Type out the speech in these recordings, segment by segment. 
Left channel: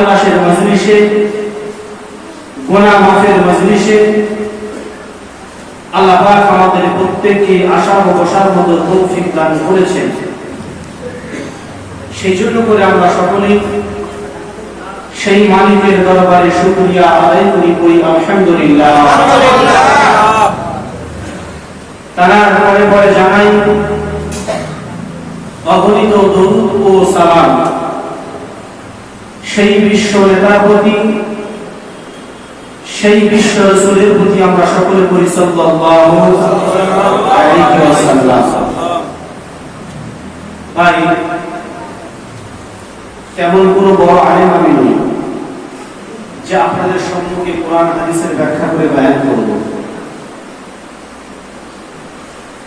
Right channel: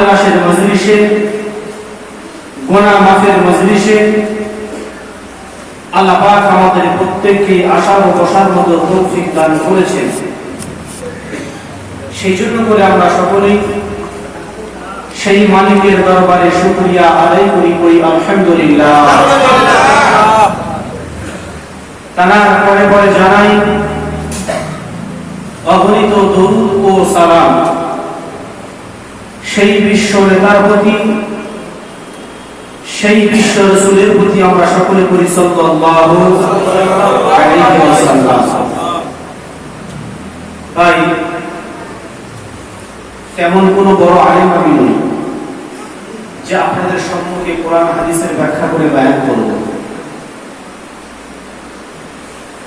তালাশের মজলিসে, গুনাহ মাফের মজলিসে আল্লাহ পাক আমাদের প্রত্যেককে আসার ও বসার মতো তৌফিক দান করেছেন। সেই জন্য করে আমরা সকলেই সেই মালিকের দরবারে শুকরিয়া আদায় করি আলহামদুলিল্লাহ। তার পরে পরে জানাই অগণিত দরুদ ও সালাম সেই বিশ্ব নেতার প্রতি, সেই বিশ্ব রাসূলের প্রতি আমরা সকলে করি সাল্লাল্লাহু আলাইহি ওয়াসাল্লাম। ভাই, তেমন কোন বড় আলেম আমি নই যে আপনাদের সম্মুখে কোরআন হাদিসের ব্যাখ্যা করে বয়ান করব।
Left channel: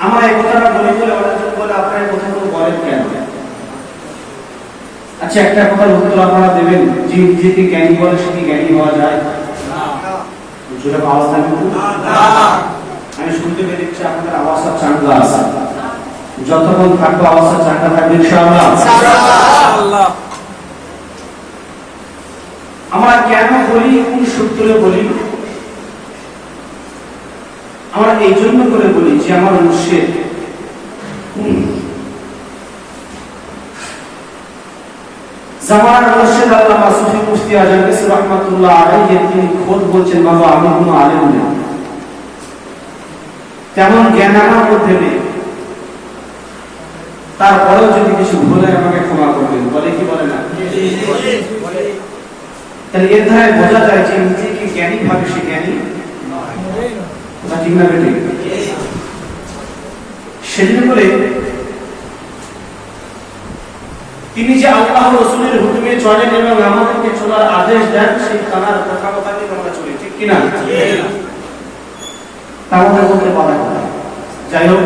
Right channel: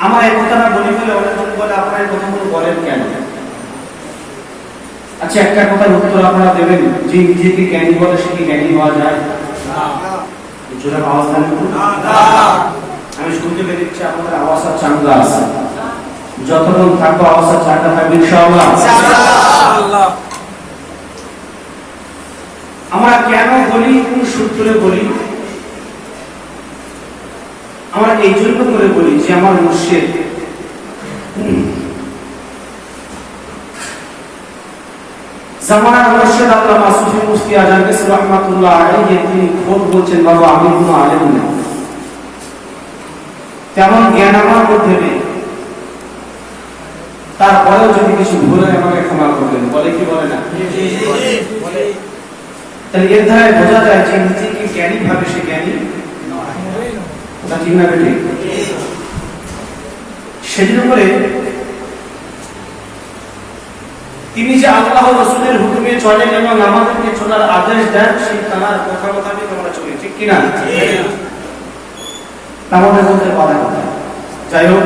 আমার এই কথাটা বলে গেলে অনেকজন বলে আপনারা এই কথাগুলো বলেন কেন? আচ্ছা, একটা কথার উত্তর আপনারা দেবেন, যে নিজেকে জ্ঞানী বলে সে কি জ্ঞানী হওয়া যায়? আমি শুনতে পেরেছি আপনাদের আওয়াজটা চাঙ্গা আছে, যতক্ষণ থাকবো আওয়াজটা চাঙ্গা থাকবে ইনশাআল্লাহ। আমরা কেন বলি, কোন সূত্রে বলি? আমরা এই জন্য করে বলি যে আমার মুর্শিদ জামানার মুর্শিদ আল্লামা সুফি মুফতি আজম কাসির রাহমাতুল্লাহ আলাইহি তিনি খোদ বলছেন, বাবা আমি কোনো আলেম না, তেমন জ্ঞান আমার মধ্যে নেই, তারপরেও যদি কিছু ভুল হয় আমাকে ক্ষমা করবেন। বলে কি বলে না? তাহলে এর দ্বারা বোঝা যায় যে নিজেকে জ্ঞানী ভাবে সে জ্ঞানী কথা ঠিক না বেঠিক? সেজন্য করে তিনি যে আল্লাহ রাসূলের হুকুমে চলেন এবং আমাদেরকে চলার আদেশ দেন, সেই তার কথা মোতাবেক আমরা চলি, ঠিক কিনা? তাহলে বলতে বাধা কোথায়? যাই হোক,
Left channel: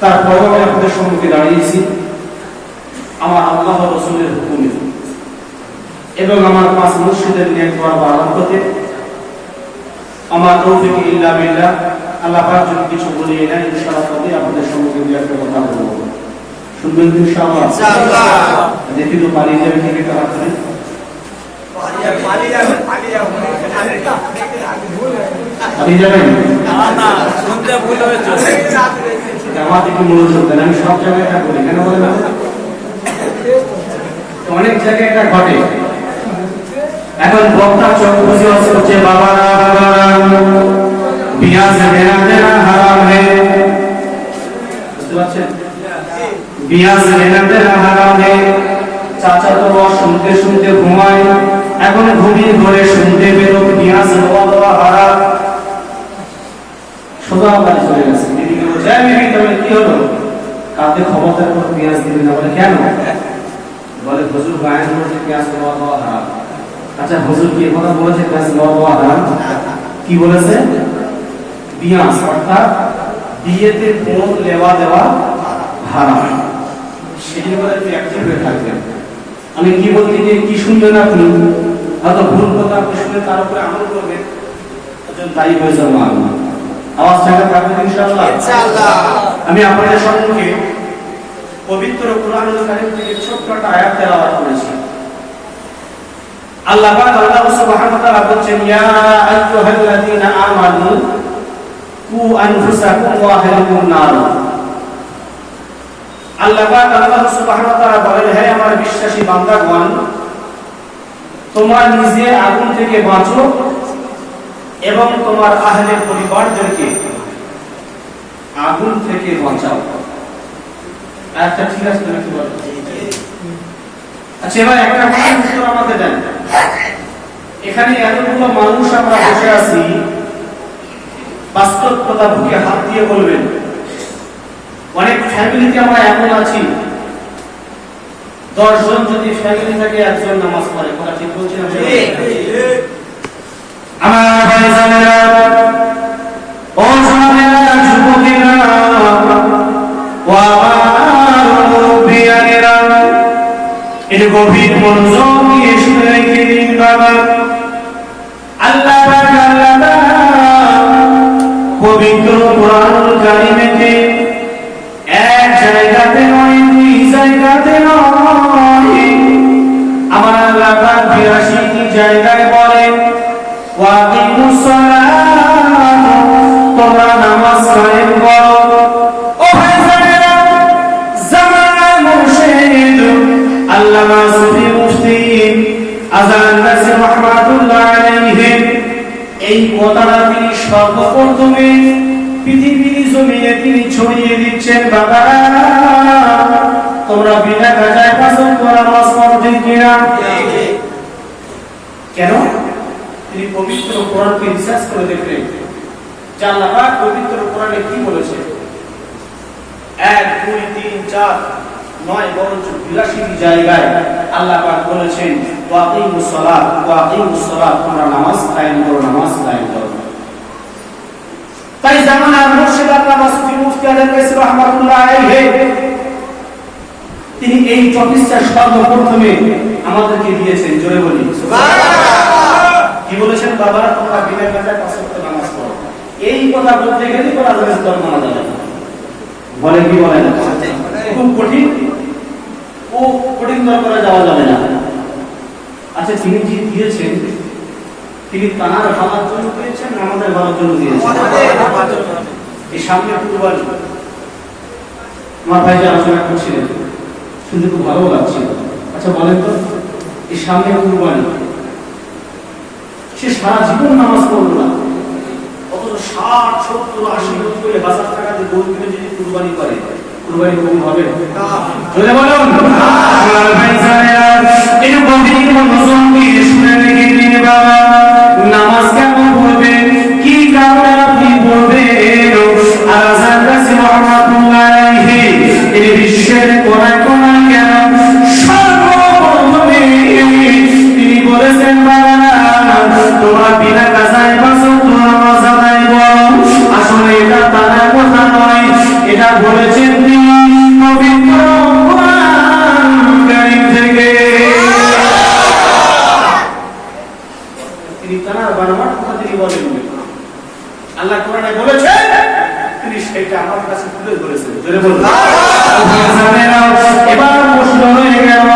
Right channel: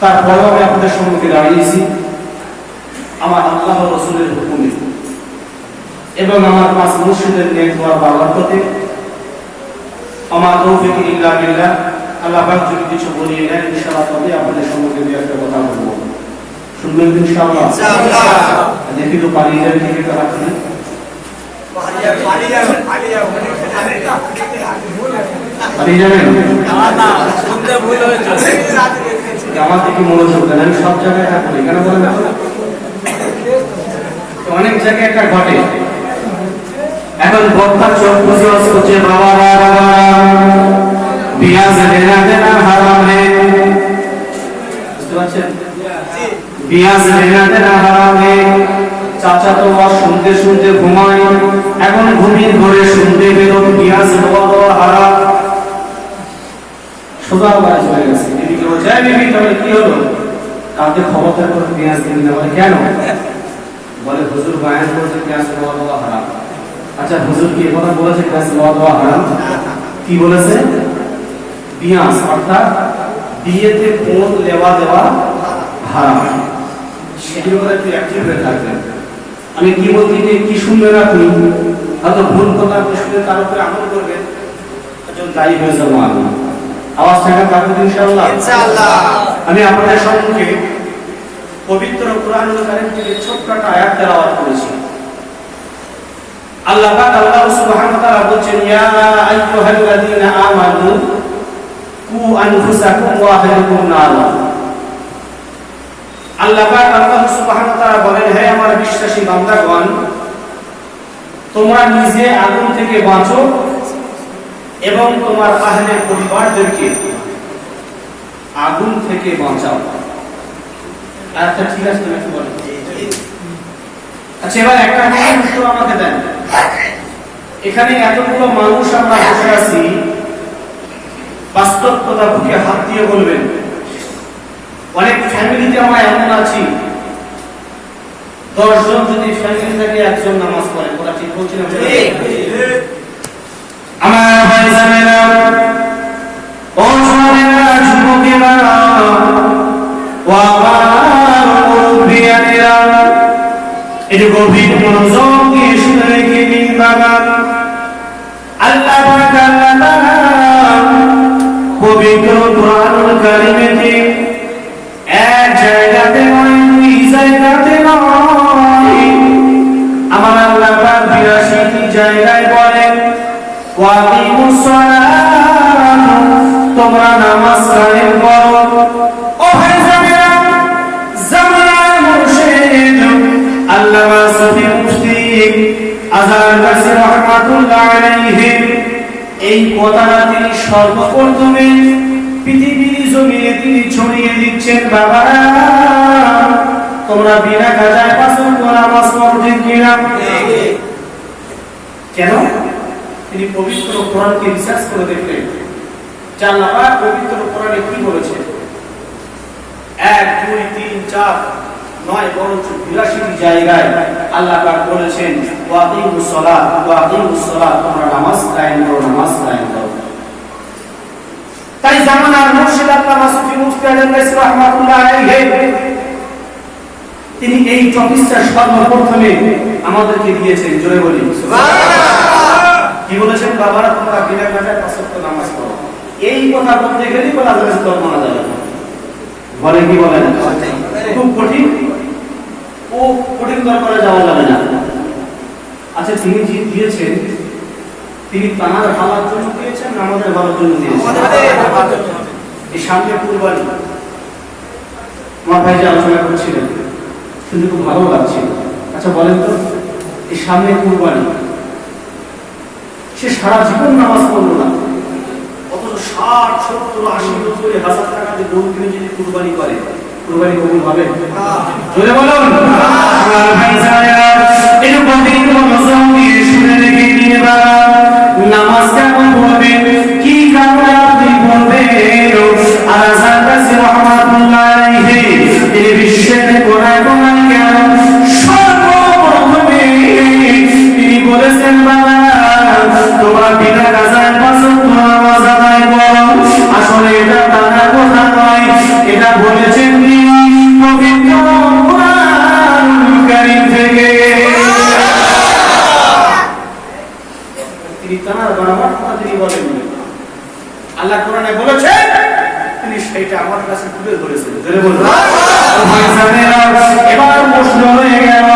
তারপরেও আমি আপনাদের সম্মুখে দাঁড়িয়েছি আমার আল্লাহ রাসূলের হুকুমে এবং আমার পাঁচ মুর্শিদের নেক দোয়ার বরকতে। আমার তৌফিক ইল্লা বিল্লাহ। আল্লাহ পাক যদি কিছু বলিয়ে দেন ইনশাআল্লাহ তবে আপনাদের সম্মুখে দিয়ে একটা কথা বলবো, শুনবেন ইনশাআল্লাহ? দেখি তো পালিয়ে যাবে থেকে একটা হাত তুলে। পালিয়ে যাবেন? আমার থেকে মনোযোগ দেন, আমি সব জায়গায় এটা বলি, কেন বলেন না? অনেক জায়গায় একটা ঘটে। এখন বক্তা চোখ বুঝে হচ্ছে বাবা বিয়া সে লেনা দেনা হারাম হে, বুঝতে পারছেন? বিয়া সে লেনা দেনা হারাম হে। চাচা তো বস শুনতে শুনতে ঘুমায়, এখন ঘুমিয়ে ধরে শুনতে বেরো বিয়া সে দেওয়া হারাম। সোজা গায়ে চলে গেছে, বিবিকে বলছে বিবি তাহলে কি হলো? কালকে খবরদার করে পেঁয়াজ দিবি না। বলে কেন? বলে হুজুর বায়ান করছে পেঁয়াজ দেওয়া হারাম। আচ্ছা, হুজুর কি কথা বলেছে পেঁয়াজ দেওয়া হারাম? কি বলেছে? পেঁয়াজ অর্থাৎ বিয়েতে কোন লেওয়া দেওয়া হারাম। সেটি বলে তুই অ্যাক্টিভ হয়ে থাকবেন। আমি কি বলতে গিয়ে কি শুনবেন আপনি? হয়তো ভুল কথা শুনে তার উপরে আমল করবেন, একজন দায়ী হয়ে যাবো আমি। আওয়াজ টাকা থাকবে ইনশাআল্লাহ। আমি আপনাদের সম্মুখে পবিত্র কোরআনুল কারীম থেকে ছোট্ট একটা আয়াত তেলাওয়াত করেছি। আল্লাহ পাক আল্লাহ সুবহানাহু ওয়া তাআলা বলেন, ইয়া আইয়ুহাল্লাযীনা আমানু কু আনফুসাকুম ওয়া আহলিকুম নার। আল্লাহ পাক আল্লাহ সুবহানাহু ওয়া তাআলা বলেন, হে আমার বিশ্বাসী বান্দাগণ, তোমরা নিজে আগুন থেকে বাঁচো এবং তোমার আহলে পরিবারদেরকে আগুন থেকে বাঁচাও। আচ্ছা, ঠিক আছে, তুমি কি বলো? আচ্ছা, এবার একটা উত্তর আমাকে দেন। এখানে এতগুলো মানুষ আমরা বসে আছি, বাস্তব কথা বুকে হাত দিয়ে বলবেন। অনেক ফ্যামিলিতে আমরা এমন আছি, 10 জন যদি ফ্যামিলি থেকে একজন নামাজ পড়ে, ওরা ঠিক বলছে না? আমার ভাইজানেরা, ও সোনারা, যুবকেরা, ও আমার মুরব্বিয়ানেরা, এটা গভীর মনোযোগ দিয়ে শুনে রেখে দিন বাবা। আল্লাহ পাক আল্লাহ তাআলা পবিত্র কোরআনুল কারীমে এক জায়গাতে নয়, দুই জায়গাতে নয়, আমার আল্লাহ পাক 82টি জায়গায় বলেন ওয়াকিমুস সালাত, তোমরা নামাজ কায়েম করো। ও ভাইজানেরা, জামাল মুর্শিদ আল্লামা সুফি মুফতি আযহার কাসি রাহমাতুল্লাহ আলাইহি এই কথাটা তিনি সর্বপ্রথমে পৃথিবীর জমিনে তিনি ছড়িয়ে দিচ্ছেন। বাবা, তোমরা বিনা কাজায় পাঁচ ওয়াক্ত নামাজ পড়ো, ঠিক কিনা? কেন? তিনি পবিত্র কোরআনকে রিসার্চ করে দেখলেন যে আল্লাহ পাক পবিত্র কোরআনে কি বলেছে। 1 2 3 4 9 বরঞ্চ 82টি জায়গায় আল্লাহ পাক বলেছেন ওয়াকিমুস সালাত, ওয়াকিমুস সালাত, তোমরা নামাজ কায়েম করো, নামাজ কায়েম করো। তাই জামানার মুর্শিদ আল্লামা সুফি মুফতি আযহার কাসি রাহমাতুল্লাহ আলাইহি তিনি এই টপিকটা সর্বপ্রথমে আমাদেরকে দিয়েছেন। জোরে বলি সুবহানাল্লাহ। কি বলেছেন? বাবা, তোমরা বিনা কাজায় পাঁচ ওয়াক্ত নামাজ পড়ো। এই কথা বলতে গেলে বলা যাবে তোর মানা যাবে না, বলে কি বলে না, খুব কঠিন, ও কঠিন করে যাওয়া যাবে না। আচ্ছা, তিনি যে দিয়েছেন তিনি তার ভাবার জন্য দিয়েছেন, আমাদের ভাবার জন্য দিয়েছেন। এই সামনে কুরবানি, আমার ভাই যে আলোচনা করছিলেন শুনতে খুব ভালো লাগছিল। আচ্ছা বলেন তো, এই সামনে কুরবানি, সে সারা জীবন নামাজ পড়লো না, অথচ 60 70 80 90 হাজার টাকা দিয়ে গোল কিনে যদি কুরবানি করে, কুরবানি কবুল হবে? জোরে বলুন। আমার ভাই সাহেব, এই পবিত্র রমজান দিয়ে শুনে রেখে দিন বাবা, নামাজ কেমন পড়বেন, কি কারণে আপনি পড়বেন। আর আযহার কাসি রাহমাতুল্লাহ আলাইহি এই বিশ্বের কোনায় কোনায় কেন সর্বপ্রথমে তিনি বলেছেন বাবা, তোমরা বিনা কাজায় পাঁচ ওয়াক্ত নামাজ আদায় করো। আসলে এটা তার কথা নয়, এটা বলেছেন তিনি পবিত্র কোরআন কারীম থেকে। তিনি তার বারবার কথা তিনি বলেন, আল্লাহ কোরআনে বলেছেন, তিনি সেটা আমার কাছে তুলে ধরেছেন। এবার প্রশ্ন হয়ে গেল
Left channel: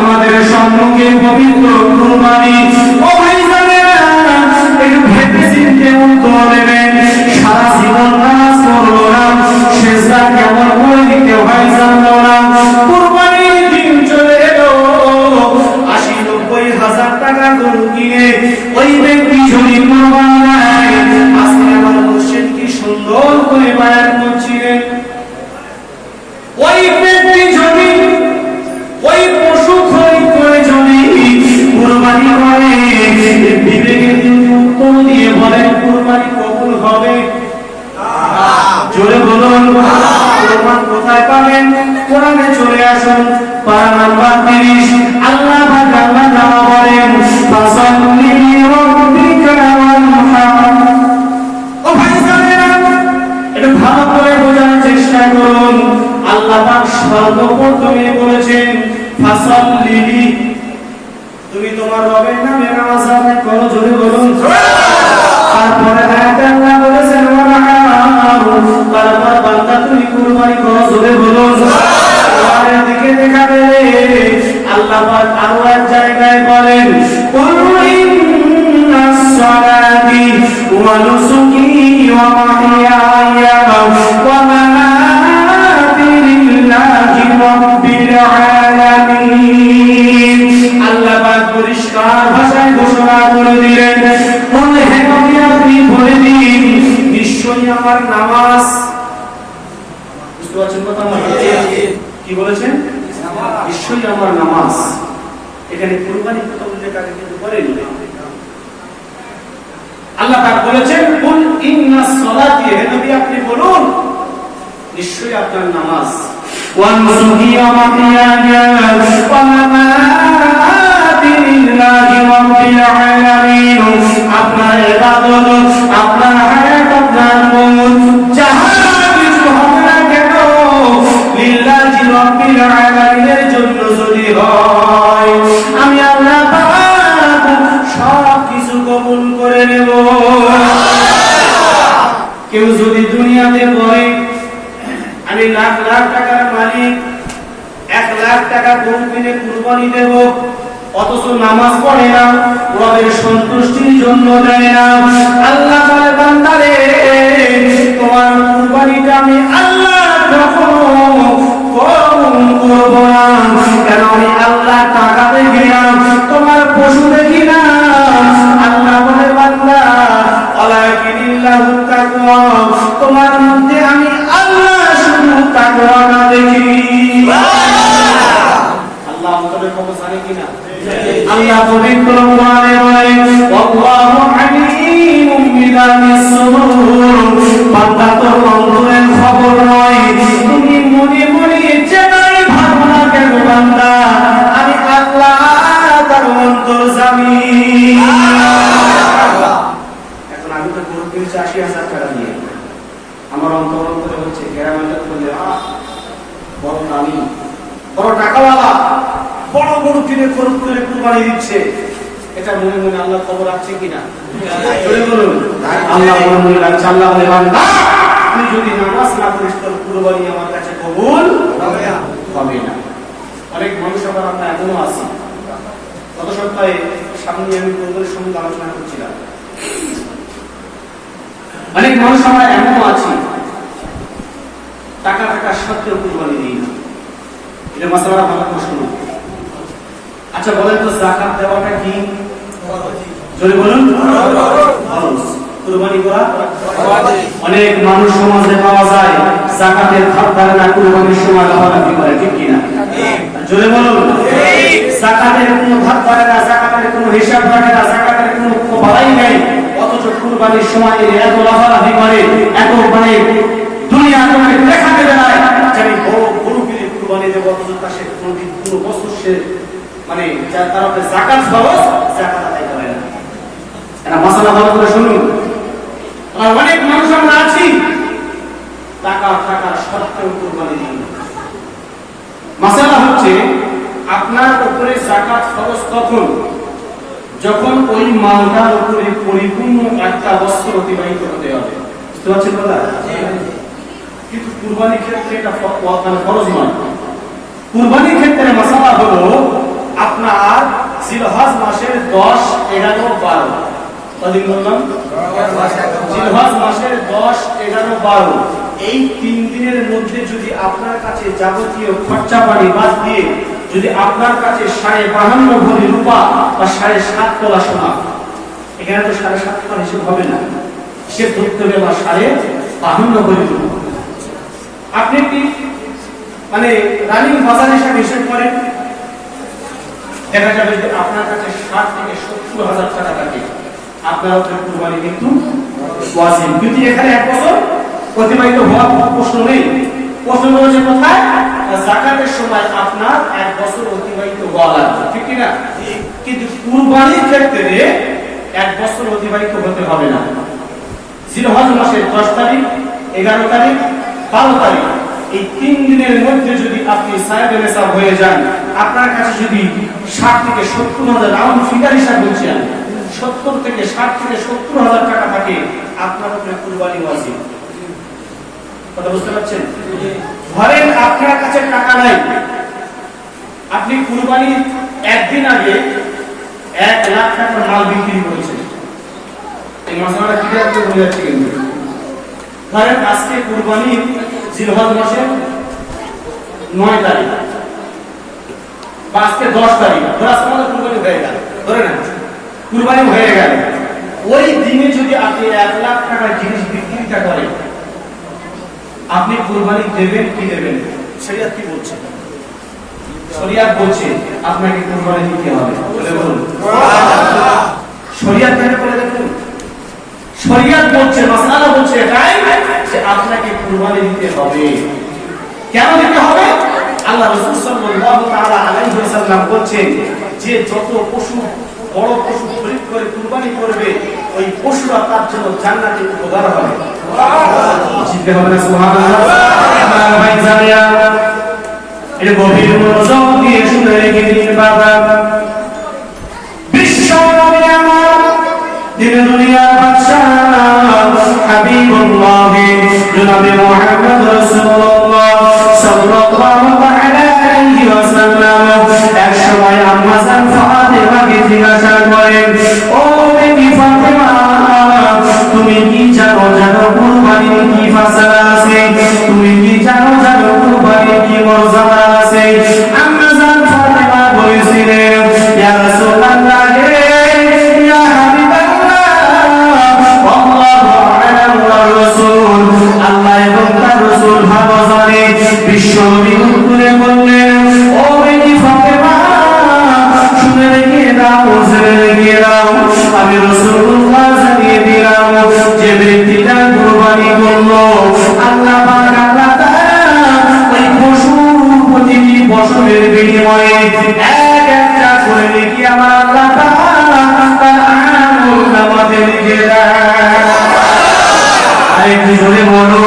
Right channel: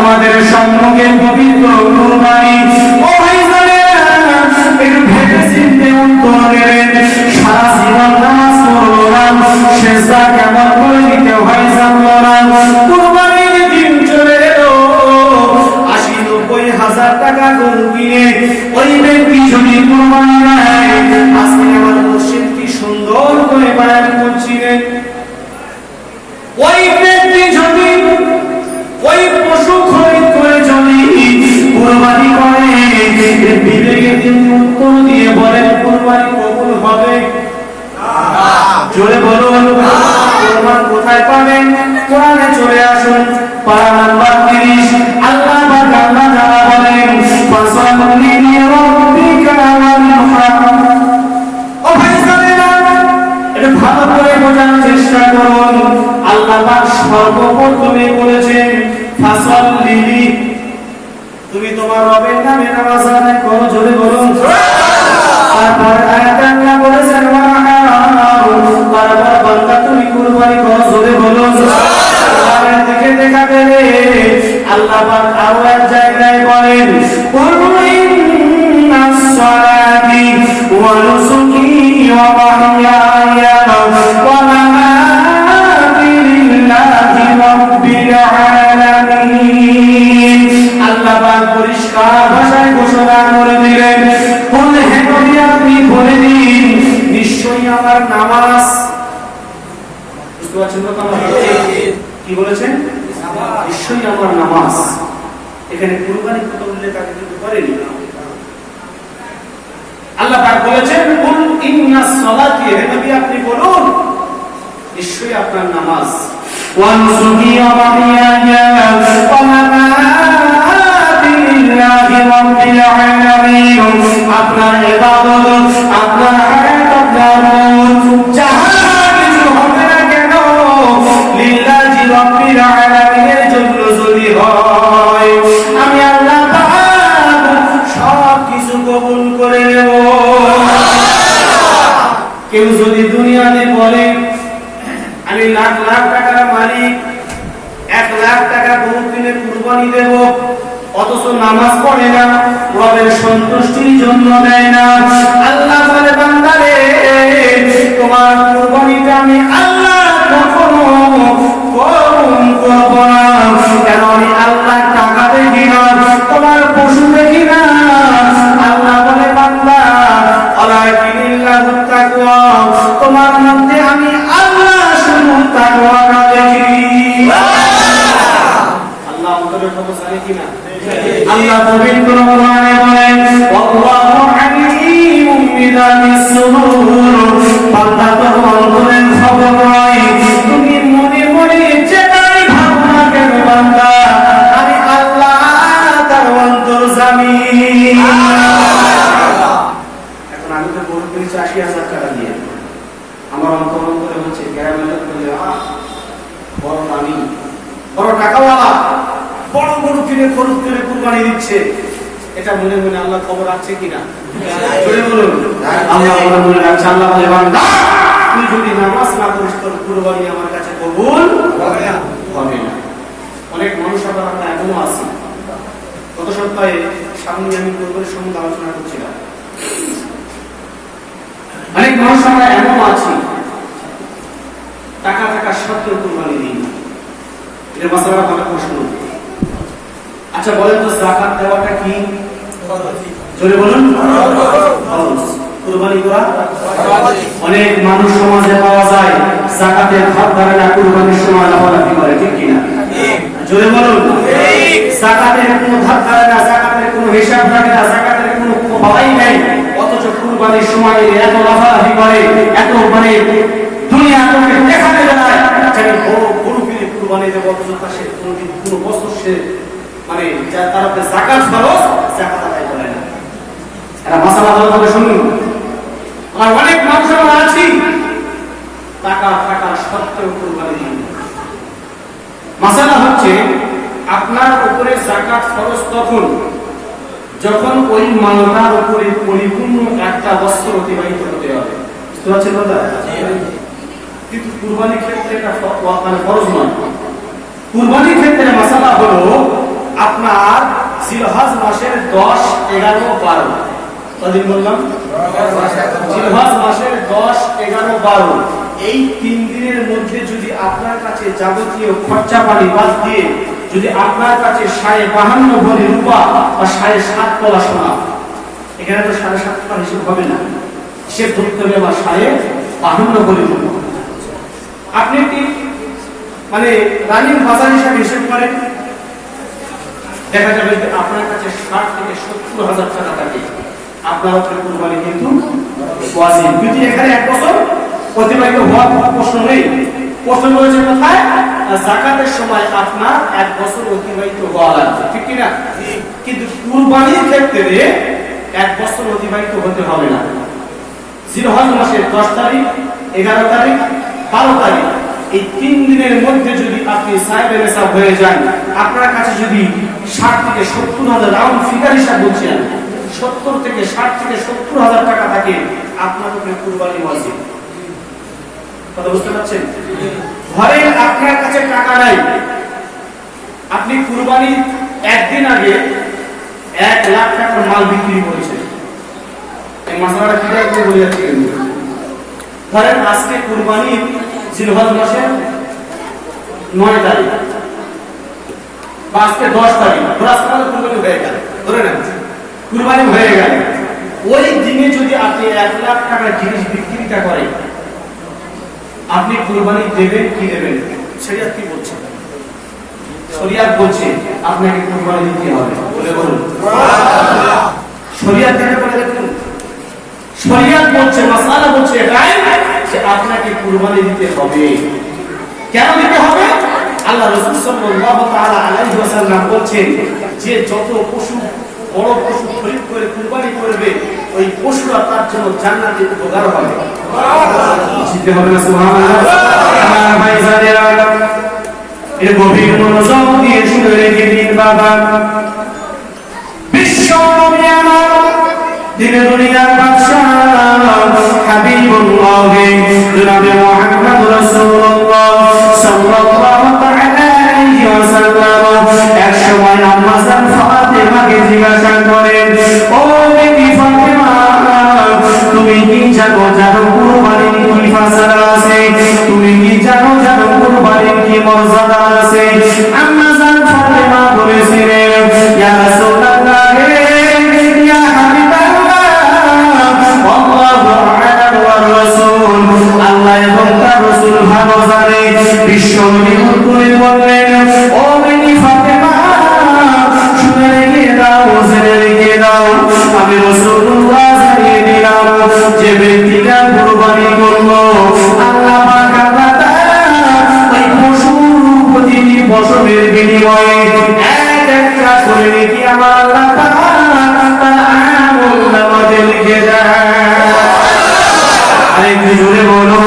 আমাদের সম্মুখে পবিত্র কুরবানি। ও ভাই জানেরা, একটু ভেবে চিন্তে উত্তর দেবেন। সারা জীবন নামাজ পড়লো না, সেজদা কেমন করে দিতে হয় জানলো না, কুরবানির দিন চলে এলো, 80-90 হাজার টাকা গরু কিনে ওই ব্যক্তি যদি কুরবানি দেয়, আজকে আমার মুর্শিদ কি সুন্দর করে বয়ান করছিলেন, ওই ব্যক্তি যদি ওই পশু খরিদ করে যদি কুরবানি করে, বিবেকে দিন উত্তর দিয়ে বলেন কুরবানি কবুল হবে? জোরে বলুন। কুরবান কোথায় পাবেন? কোরআনে চলে আসুন, পারা নাম্বার 30। আল্লাহ পাক আল্লাহ তাআলা বলেন ফাসাল্লি লিরাব্বিকা ওয়ানহার। ও ভাইজানেরা, এটা ভালো করে বোঝার চেষ্টা করুন। আল্লাহ পাক সর্বপ্রথমে বলেছেন ফাসাল্লি, তুমি তোমার রবের নামে নামাজ আদায় করো। জোরে বলুন। তারপরে আয়াতে আল্লাহ বলেছেন ওয়ানহার, তারপরে বান্দা তুমি কুরবানি করো। জোরে বলুন। কুরবানির দিকে দেখাবে আল্লাহ পাক আরো এক জায়গায় বলেন কুল ইন্নাস সালাতি ওয়া নুসুকি ওয়া মাহইয়ায়া ওয়া মামাতি লিল্লাহি রাব্বিল আলামিন। আল্লাহ পাক পরিষ্কার ভাষায় ঘোষণা করে দিলেন, বলে হে নবী আপনি বলে দিন, নিশ্চয়ই আমার নামাজ, বুঝতে পারছেন কথা আমার কি বলেছেন? নিশ্চয়ই আমার নামাজ। এখানে কুরবানি কথা উল্লেখ আগে কিন্তু করেনি। আল্লাহ পাক বলেছেন কুল ইন্নাস সালাতি, হে নবী আপনি বলুন নিশ্চয়ই আপনার নামাজ, ওয়া নুসুকি ওয়া মাহইয়ায়া ওয়া মামাতি লিল্লাহি রাব্বিল আলামিন। আপনার ইবাদত, আপনার হায়াত, আপনার মওত যাহা কিছু হবে না কেন লিল্লাহি রাব্বিল আলামিনের জন্য যদি হয়, আমি আল্লাহ পাক সব কিছু কবুল করে নেব। কেউ যদি দুনিয়াতে বলে আমি লাখ লাখ টাকার মালিক, 1 লাখ টাকা গরু কিনে কুরবানি দেব, ও অথচ নামাজ পড়ে না, রবের সন্তুষ্টির জন্য দেয় না। আল্লাহ বলে বান্দারে তোমার কুরবানিটা আমি আল্লাহ কখনো কম করব না। কেন আমি আল্লাহ টাকা দেখি না, তোমার পশু দেখি না। আল্লাহ বলে বান্দা আলাইকিল্লাহু তাকওয়া, তোমার মধ্যে আমি আল্লাহ শুধু তাকওয়াটা দেখি। আল্লাহ আমাদের খবর জানে কিনা? আল্লাহ পবিত্র কোরআনে বলেন আল্লাহু আলিমুম বিযাতিস সুদূর, বান্দা তো অন্তরের খবর নয়, তুমি মনে মনে যেটাই ভাবো না কেন বান্দা আমি আল্লাহ তার অন্তর্যামী। এখন আমি তো গরু কিনেছি ৮০,০০০ টাকা দিয়ে, আমার অন্তরে হচ্ছে গ্রামের বলে বড় দামি বড় টাকাওয়ালা বড় গরু কিনে খরচ করে কুরবানি দিচ্ছে, এটা মনে মনে আল্লাহ খবর রাখছে কিনা? বলুন আল্লাহ মনে মনে রাখছে। আল্লাহ বলে বান্দা তুই যদি নামাজ না করিস তোর কুরবানি আমার কাছে কবুল হবে না। অনেক মানুষ আবার আমরা এমনও আছি, গত সপ্তাহে সামনে আমি কুরবানির সম্বন্ধে আলোচনা করছিলাম, অনেক মানুষ আমরা এমনও আছি টাকা টাকা সত্ত্বেও কুরবানি দিই। এটা মাসালা ভালো প্রশ্ন। আচ্ছা বলেন তো যাকাত দেওয়াটা কি? জোরে বলুন। কুরবানি করা অনেক মানুষ সমাজে পাওয়া যায় যাকাতের ভাগ করে না, কুরবানির সময় লাফালাফি করে, ঠিক কিনা? জোরে বলুন। যাকাতের কোনো ভাগ করে না, যাকাতের কোনো হিসাব রাখে না, যাকাতের কোনো খবরই নেই, অথচ কুরবানির সময় এত লাফালাফি করে, এত মানে দুনিয়া তোকে দেখাতে বেড়ায় যে বড় গরু কিনে কুরবানি দেবো, অথচ তার সে কোনো বছর সে মানে তার উপরে যাকাত ফরজ, যাকাত আদায় করে না। এটা মাসালা ভালো করে শুনুন। আর অনেক মানুষ আমরা আছি টাকা টাকা সত্ত্বেও কুরবানি দিই। মাসালা হচ্ছে আপনার উপরে যাকাত ফরজ তখন যখন ওই মালটার উপরে পরিপূর্ণ একটা বছর অতিবাহিত হতে হবে। বুঝতে পারছেন কথা? কিন্তু কুরবানির ক্ষেত্রে এটা ফরজ নয়। কুরবানির ক্ষেত্রে মাসালা হলো আপনার জিলহজ মাসের 10, 11, 12 কদিন বললাম? জিলহজ মাসের 10, 11, 12 এই 3 দিনের মধ্যে যদি আপনার কাছে যাবতীয় খরচা পানি বাদ দিয়ে যদি আপনার কাছে 52.5 ভরি রূপা বা 7.5 তোলা সোনা, এখানে তো 7.5 তোলা হিসেব হবে না, হিসেব করতে হবে বা 52 ভরি রূপা। আপনি কি মানে রানিং বাজার হিসাবে হিসেব করেন, দেখা যাবে যে আপনার কাছে 60 থেকে 70,000 টাকা থাকে, আপনার উপরে কুরবানি কিন্তু ওয়াজিব। কিন্তু এখানে 1 বছর অতিবাহিত হওয়ার প্রশ্ন নেই, প্রশ্ন রয়েছে কোথায়? যাকাতের সময় আপনার 1 বছর অতিবাহিত হওয়া লাগবে, ঠিক কিনা? কিন্তু কুরবানির ক্ষেত্রে 1 বছর অতিবাহিত হতে হবে না। জিলহজ মাসের 10 তারিখ, 11 তারিখ, 12 তারিখ এই 3 দিনের মধ্যে যদি আপনি সাহেবে নেশাব হয়ে যান, আপনার কাছে যদি 60 থেকে 70,000 রাউন্ড ফিগার হিসাব বলছেন, 70 থেকে 60 থেকে 70,000 টাকা থাকে, আপনার উপরে কুরবানি ওয়াজিব। কথা বুঝতে পারছেন? ধরেন আপনার কাছে টাকা নাই, আপনি কুরবানির একদিন আগে 1 লাখ টাকার মাল বিক্রি করেছেন। এই মাসলাটা কি করে বলে যাচ্ছে? ধরেন আজকে কুরবানি জিলহজ মাসের 9 তারিখ বা আজকে 10 তারিখ, আজকে কুরবানি হয়ে গেল, ধরে নেন কুরবানি হয়ে গেল, ওই দিনে যদি আপনি 1 লাখ টাকার জিনিস বিক্রিটা করেন, আপনি কুরবানি দেবেন কি দেবেন? শরীয়ত কি বলছে? শরীয়ত বলছে আপনাকে কুরবানি দিতে হবে। বলুন শরীয়ত কাকে বলে? দেখুন শরীয়ত বলছে, মাসআলা বলছে এটাই যে আপনাকে কুরবানি দিতে হবে। কেন দিতে হবে? আল্লাহ রাসূল সাল্লাল্লাহু তাআলা আলাইহি ওয়াসাল্লাম বলছেন যে যত পশু বড় পশু খরিদ করে কুরবানি করবে ওই পশুরা তার জন্য জান্নাতে উপকার হবে। বুঝতে হবে না? সুবহানাল্লাহ। ভাই জানেন এই গভীর মনোযোগ দিয়ে শুনে রেখে দিন বাবা। বিশ্ব নবী আমার দিনে দুনিয়ার বাদশা হাবিবুল্লাহ জনাবে মুহাম্মদ রাসূলুল্লাহ সাল্লাল্লাহু তাআলা আলাইহি ওয়াসাল্লাম এক সময় আম্মা জান ফাতিমা জিজ্ঞাসা করেন, ও বেটি ফাতেমা, তুমি কি জানো কুরবানির কি ফাসালা আছে? তুমি কি জানো কুরবানির কি মর্যাদা আছে? আম্মা জান ফাতেমা বলেছিলেন, ইয়া রাসূলুল্লাহ, ইয়া হাবিবাল্লাহ, আল্লাহু আ'লাম ওয়া রাসূল, আল্লাহ এবং তার রাসূল ভালো জানে। বিশ্বনবী করে বললেন, ও বেটি ফাতেমা, শুনে রেখে দাও, জেনে রেখে দাও, আমি রাসূলুল্লাহ জানিয়ে দিলাম, যে ব্যক্তিটা কুরবানি করলো, আল্লাহ পাক আল্লাহ তাআলা ওই পশু প্রতিটি পশমের বিনিময়ে এক একটা করে নেকি আমার আল্লাহ তাআলা তার আমলনামাতে লিখে দেয়। আরেকটু জোরে বলো।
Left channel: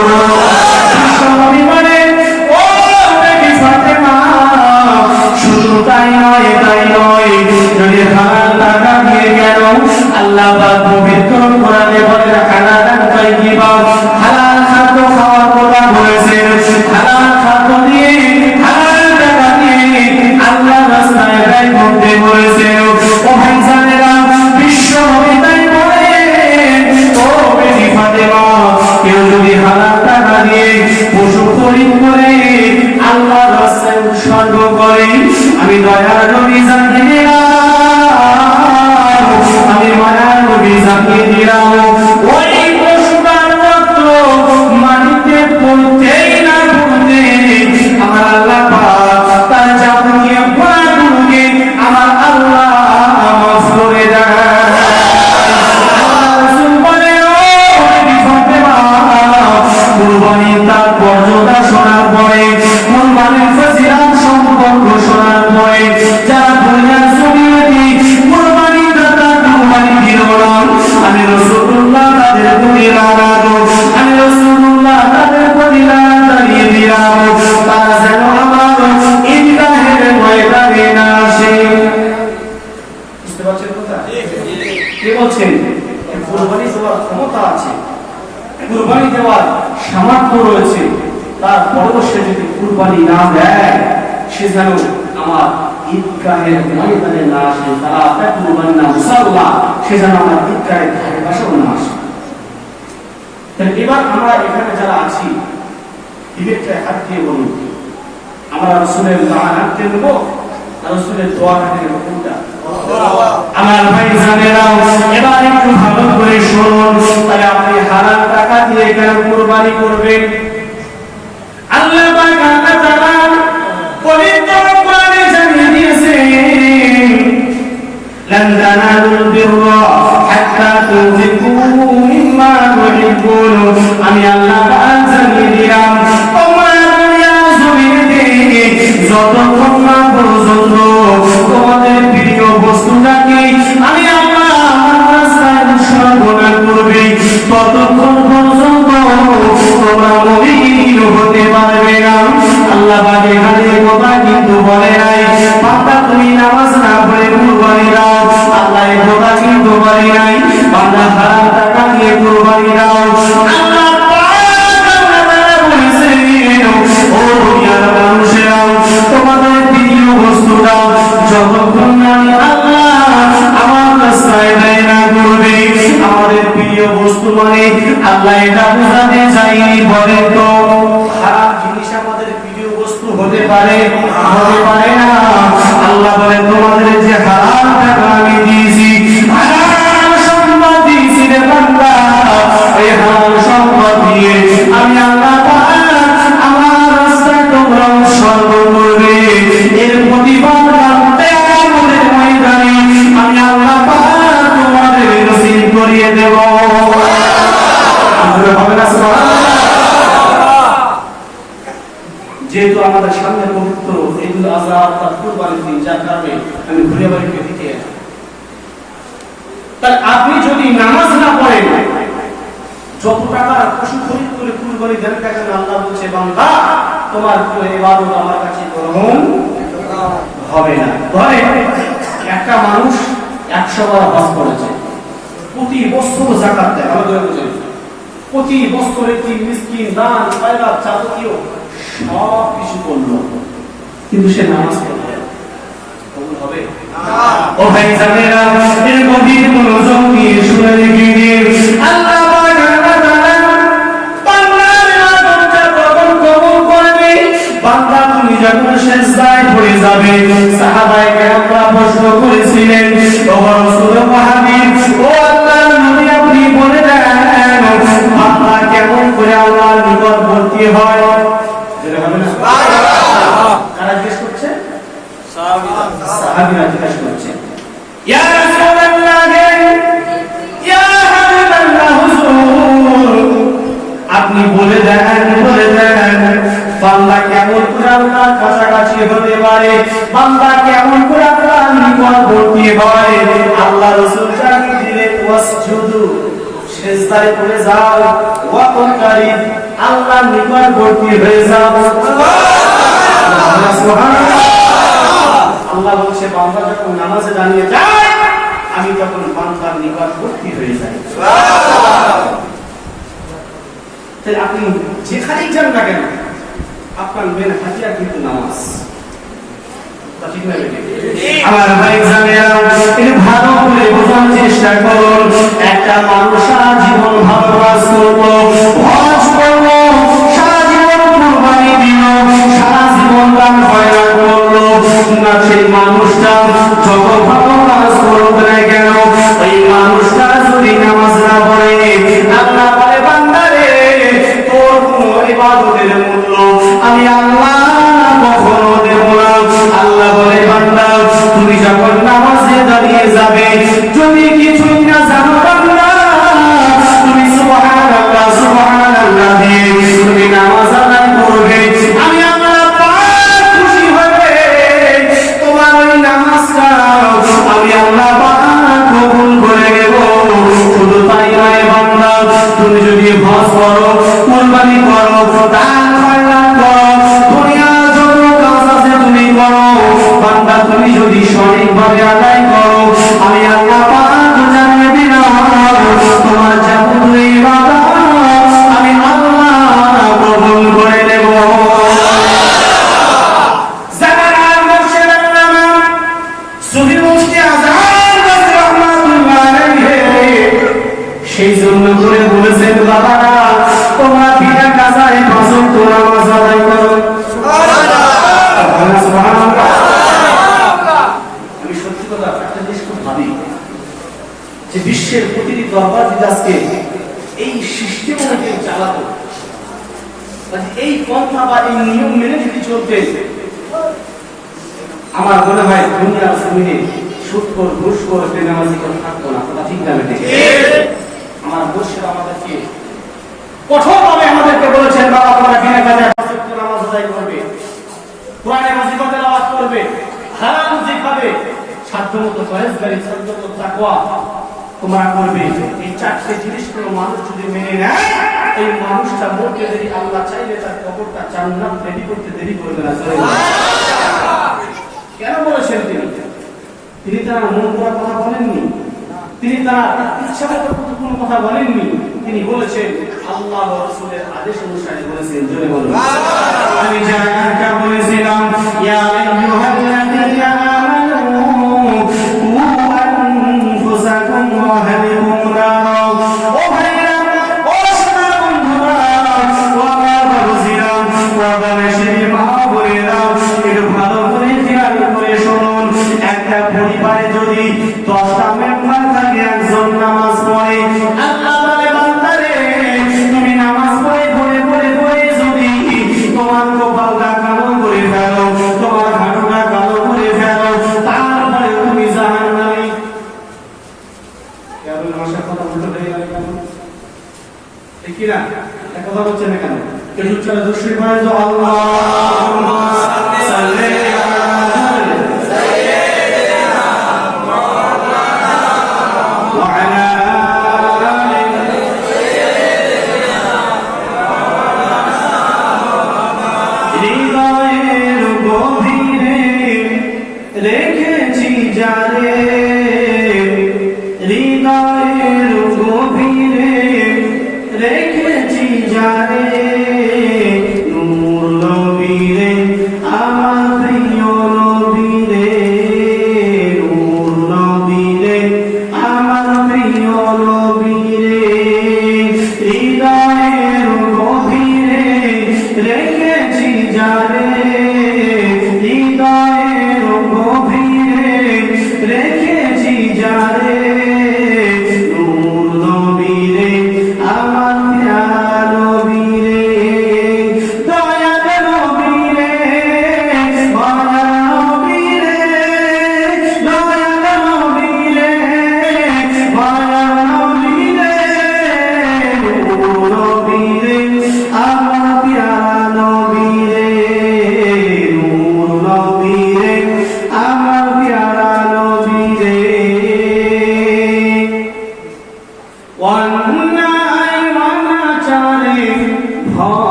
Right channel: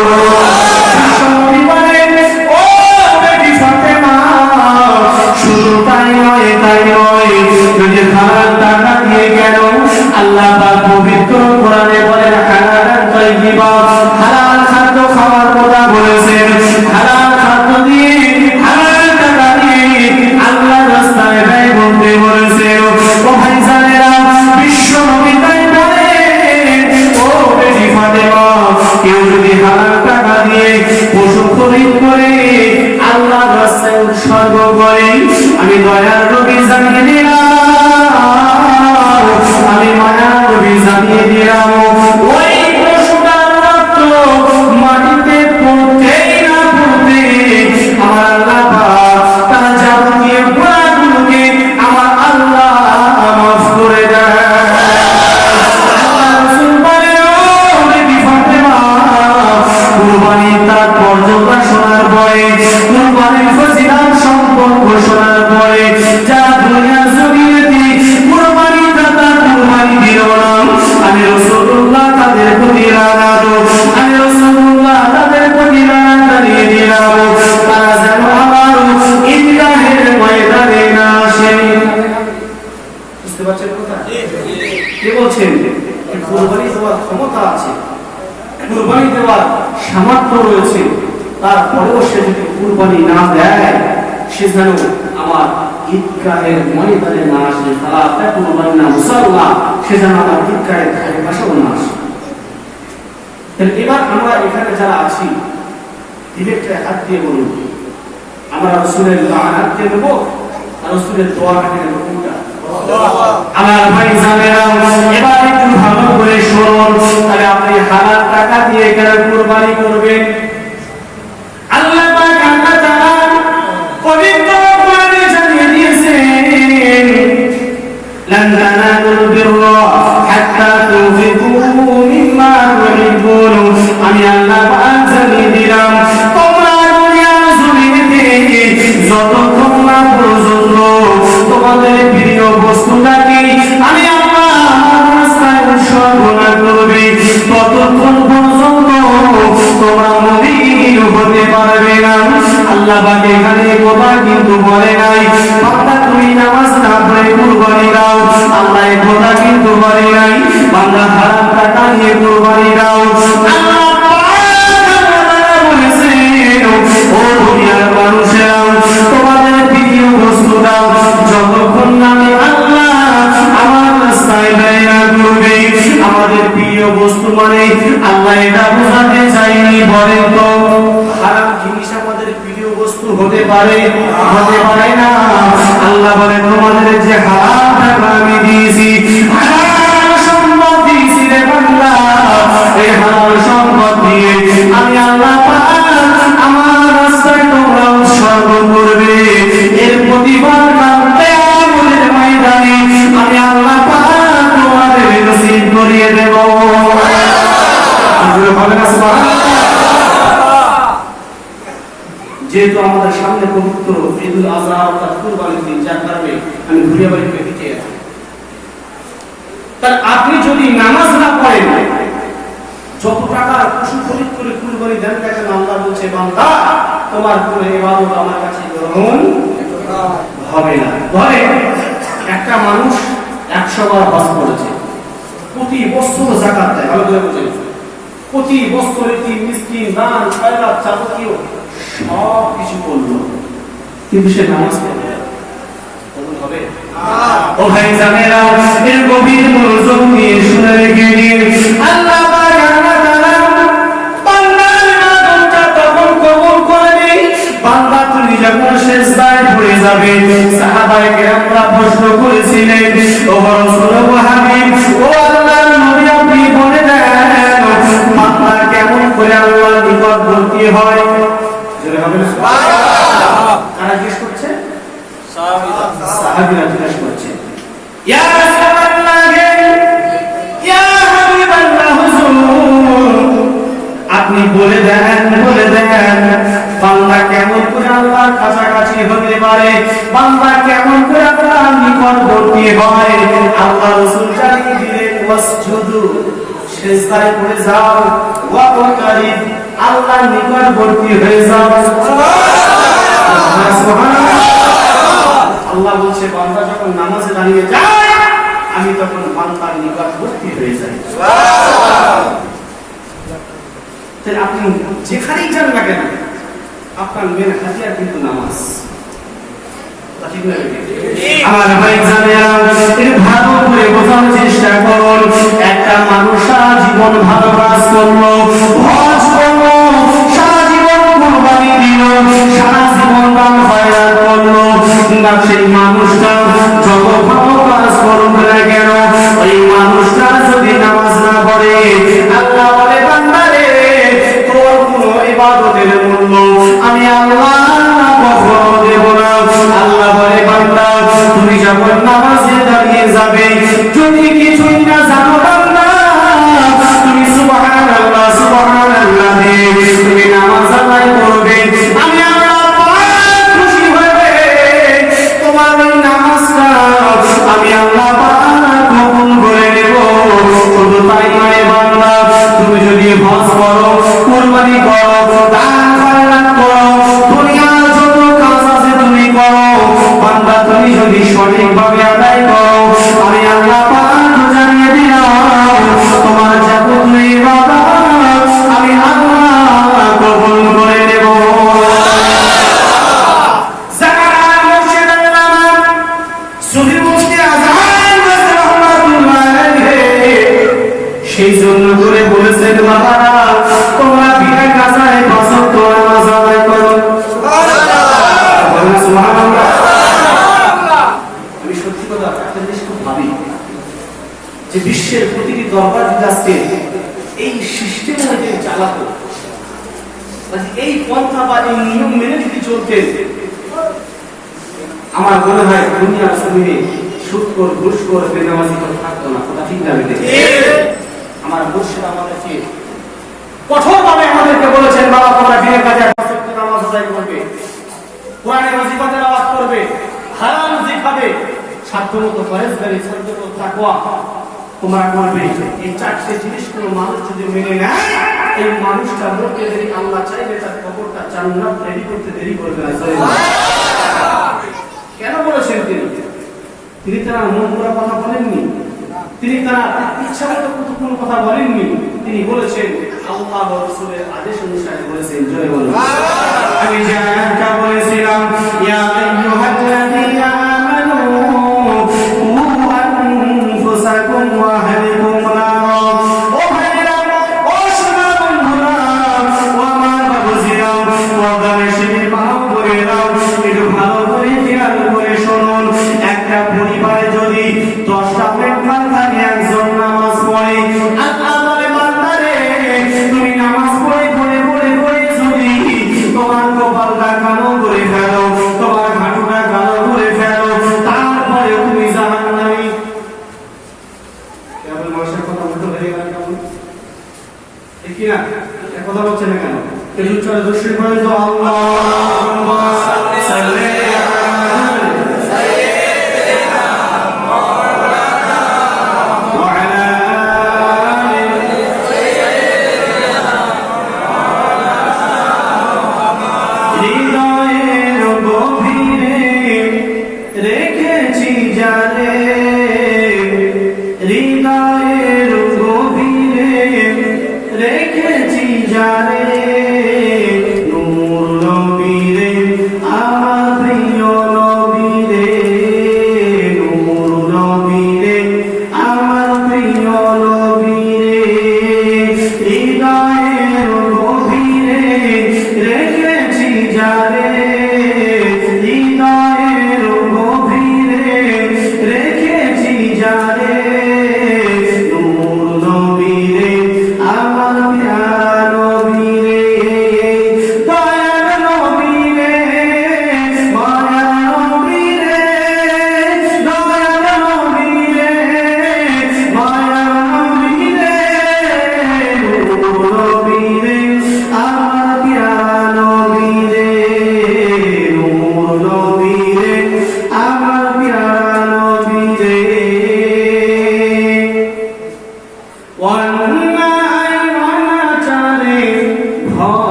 বিশ্বনবী বলেন, ও বেটি ফাতেমা, শুধু তাই নয়, যদি হালাল টাকা দিয়ে গেল, আল্লাহ পাক পবিত্র কোরআনে বলেন, হালালান তাইয়্যিবা, হালাল খাদ্য খাওয়ার কথা বলেছেন। হালাল খাদ্য দিয়ে, হালাল টাকা দিয়ে আল্লাহ রাস্তায় ব্যয় করতে বলেছেন। ও ভাইজানেরা, বিশ্বনবী তাই বলেন, ও বেটি ফাতেমা, কেউ যদি হালাল টাকা দিয়ে পশু খরিদ করে আল্লাহ রাস্তায় উৎসর্গ করে, আমি দয়ার নবী জানিয়ে দিলাম, আমি মায়ার নবী জানিয়ে দিলাম, ওই পশুটার রক্ত মাটিতে পড়তেই না পড়তে আমার আল্লাহ পাক তার যাবতীয় গুনাহগুলোকে আমার আল্লাহ মাফ করে দেয়। আল্লাহ রাসূল বলে, ও বেটি ফাতেমা, কুরবানির তাৎপর্যতা শোনার পরে, কুরবানির ফজিলত সম্পর্ক শোনার পরে, যারা দুনিয়ার জমিনে কুরবানি দাতা কুরবানি দিল না, আমি রাসূলুল্লাহ তাদের প্রতি লানত, আমি রাসূলুল্লাহ তাদের প্রতি লানত জানিয়ে দিলাম, তারা যেন আমার ঈদগাহের ময়দানে না আসে। বুঝতে পারছেন কথা? কে বলছেন? কুরবানি দেওয়ার ক্ষমতা আছে, কুরবানি দেওয়ার সামর্থ্য রয়েছে, তারপরেও সে যদি কুরবানি না দেয়, সে যেন আমার ঈদগাহের ময়দানে না আসে, তারা তাকুরুনা মুসাল্লা, সে যেন আমার ঈদগাহের ধারে পাশেও না আসে। তাহলে এবার আমরা এখানে যারা আছি, দিবেকটা হাত দিয়ে বলুন, আমরা রাসূলের লানত কে দেব না রাসূলের দোয়া কে দেব? কোনটা? আমার ভাই জানেরা, এবার একটু ভালো করে শুনুন। তাহলে আপনি হালাল টাকা দিয়ে কেন কুরবানি করবেন? আল্লাহ পাক আল্লাহ তাআলা পবিত্র কোরআনে জানিয়ে দিয়েছেন, লান তানালুল বিররা হাত্তা তুনফিকু মিম্মা তুহিব্বুন। আমি আল্লাহ পাক জানিয়ে দিলাম, তোমরা দুনিয়ার জমিনে যতক্ষণ না পর্যন্ত তোমাদের প্রিয় বস্তুটাকে আমি আল্লাহ রাস্তায় উৎসর্গ না করবে, ততক্ষণ পর্যন্ত তোমরা মুমিন হতে পারবে না। আল্লাহ পাক এখানে কথা কিন্তু বলে নাই, বান্দা তুমি নামাজ না পড়ে কুরবানি দাও, আল্লাহ এই কথা কিন্তু বলে নাই, বান্দা হারাম টাকা নিয়ে কুরবানি দাও। আল্লাহ ও দুনিয়ার মানুষেরা, তোমাদের প্রিয় বস্তুটা যতক্ষণ আমি আল্লাহ আমার রাস্তায় ব্যয় না করবে, আমাদের প্রিয় বস্তু মানে আল্লাহ এটা বোঝাতে চাইনি। বলেন তো, হারাম জিনিস আমাদের প্রিয় বস্তু হতে পারে না? আল্লাহ বলেন, তোমাদের যে হারাম টাকা আমি দিয়েছি, হারাম সম্পদ দিয়েছি রে বান্দা, এই হারাম সম্পদ দিয়ে আমি আল্লাহ আমার রাস্তায় তোমরা উৎসর্গ করবে, এর প্রতিফল কিয়ামতের ময়দানে আমি আল্লাহ পাক তোমাদের নসিব করিয়ে দেব। যেহেতু আমাদের সামনে পবিত্র ঈদুল আযহা অর্থাৎ কুরবানির দিন, যার কারণে আমি ঘুরিয়ে বাড়িতে দিতে আসি, তার আপনি যদি নামাজ না পড়েন, যত টাকা পশু খরিদ করে কুরবানি দেন কেন, আল্লাহ বলছে, বান্দা তোমার কোনো ইবাদত আমার কাছে গ্রহণ হবে না। ধরে একটা মানুষ 100 বার হজ করেছে, প্রতি বছর যাকাত দেয়, ভালো করে বুঝেন, প্রতি বছর একটি মিসকিন, দান, খয়রাত, যাবতীয় সব কিছু করলো, কিন্তু সে নামাজ পড়বে, কবুল হবে না? ও ভাই জানেরা, এর গভীর মনোযোগ দিয়ে শুনে রেখে দিন। আল্লাহ বান্দা তুমি যখন সিজদায় পড়ে যাবে, সাহাবায়ে কেরামরা প্রশ্ন করেছিলেন, ও রাসূল হাবিব, ও আল্লাহর নবী, আপনি বলে দেন বান্দা কেমন করে আল্লাহর নিকটবর্তী হয়? জোরে হবে না? কারা জিজ্ঞেস করছে? সাহাবীরা জিজ্ঞেস করছে, ইয়া রাসূলুল্লাহ, ইয়া হাবিবাল্লাহ, হুজুর আপনি বলে দেন বান্দা কেমন করে আল্লাহর কাছাকাছি হতে পারে, বান্দা কেমন করে আল্লাহর নিকটবর্তী হয়? আল্লাহ রাসূল জানিয়ে দিলেন, ওয়াসজুদু, সিজদায় পড়ে যাও, ওয়াকতারিব, আল্লাহর নিকটবর্তী হয়ে যাও। সুবহানাল্লাহ। আল্লাহ বলছে বান্দা যখন নামাজে দাঁড়িয়ে যায়, আমি তখন বান্দার নিকটবর্তী হয়ে যাই। তাহলে আপনি যেখানেই যান না কেন, আপনার মেন হাতিয়ার কিন্তু নামাজ। আমার ভাই জানেন, ভালো করে বোঝার চেষ্টা করুন। একটা মানুষ সারা জীবন ভালো কাজ করলো, হজ করলো, সারা জীবন কুরবানি দিল, সারা জীবন দান খয়রাত করলো, না সেই মানুষটা যত ভালো কাজ করুক না কেন, ওই মানুষটা যদি নামাজ না পড়ে, আল্লাহ বলে বান্দা রে, তোর কোনো ইবাদতের মূল্য আমি আল্লাহ কখনো দেব না। আল্লাহ বলে বান্দা, তুমি যখন নামাজে দাঁড়িয়ে যাবে, যদি কিছুই না জানো বান্দা, তুমি সুবহানাল্লাহ সুবহানাল্লাহ দিয়ে তুমি নামাজ আদায় করবে, আমি আল্লাহ পাক খুশি হয়ে তোমার এই নামাজটা আমি আল্লাহ পাক কবুল করে নেব। শুধু তাই নয় বান্দা, তুমি যদি হজ করো, কুরবানি করো, দান খয়রাত করো, দুনিয়ার যত কাজ আছে তুমি করো, বান্দা তুমি যদি সঠিকভাবে আদায় করো, আমি আল্লাহ পাক জানিয়ে দিলাম তোমার যাবতীয় ইবাদত আমি আল্লাহ কবুল করে নেব। জাকাত মুর্শিদ আল্লামা সুফি মুফতি আযহার রাহমাতুল্লাহ আলাইহি সেই জন্য করে বলেছেন, বাবারা তোমরা বিনা কাজায় ফজর নামাজ আদায় করো। সুবহানাল্লাহ। আমি সত্যি কথা একটা জিনিস খুব ভাবি, যে বিশ্বের প্রতিটি দরবার যদি আজকে এই সিস্টেম অনুযায়ী চালাতো, এই পন্থা বা এই নিয়ম মেনে যদি চলতে, আমার মনে হয় দুনিয়ার জমিনে সুদখোর, ঘুষখোর, বেনামাজি কেউ থাকতো না। কথা ঠিক না বেটে? আমার মুর্শিদ আমাদেরকে কঠোরভাবে আমাদেরকে বলেছেন, বাবা তোমরা বিনা কাজে নামাজ আদায় করবে, কোরআনে মাজিদে তেলাওয়াত করবে, হারাম যে খাবে, সাধ্যমতো পরহেজগারি, সাধ্যমতো তাকওয়া তোমরা করবে। এই চারটি জিনিসগুলো মানুষ যদি মেনে নেয়, এই মানুষটা মরতে দেরি, আল্লাহ চাইলে তার কবরটা জান্নাত রেডি করতে দেরি করবে না। কেন বলেছেন তিনি তারা মন করা কথা বলেননি, তিনি তারা ইচ্ছাগত কোনো কথা বলেননি, তিনি বলেছেন আল্লাহ ওয়া রাসূলের আদেশ অনুসারে বলেছেন। জোরে বলুন। আমি যারা বলেছিলাম, ইয়া আইয়ুহাল্লাযীনা আমানু কু আনফুসাকুম ওয়া আহলিকুম নারা। ও ভাইরা, ও সোনা বন্ধুরা, ও আমার বাবুজিরা, ও দামেশের মা বোনেরা, একটু ভালো করে খেয়াল করে শুনুন। একটা পরিবারে যদি 10টা মেম্বার থাকে, একজন নামাজ পড়ে, আল্লাহ বলে বান্দা রে, তুমি নামাজ পড়ে পড়ে পড়ে পড়ে যদি তোমার কপালটা কালো করে ফেলো, তোমার হাঁটুটা কালো করে ফেলো, তারপরে তুমি জাহান্নামী। কেবল মাসের কথা উল্টো হয়ে গেল কেমন? ঠিক কি না? এক কথা বলছে না কেন? এই উচ্চারণ দুশ্রী করে তো আল্লাহুম্মা সাল্লি হৃদয়ের গভীরে রেখেছি যারে, হৃদয়ের গভীরে রেখেছি যারে, নূর নবীরে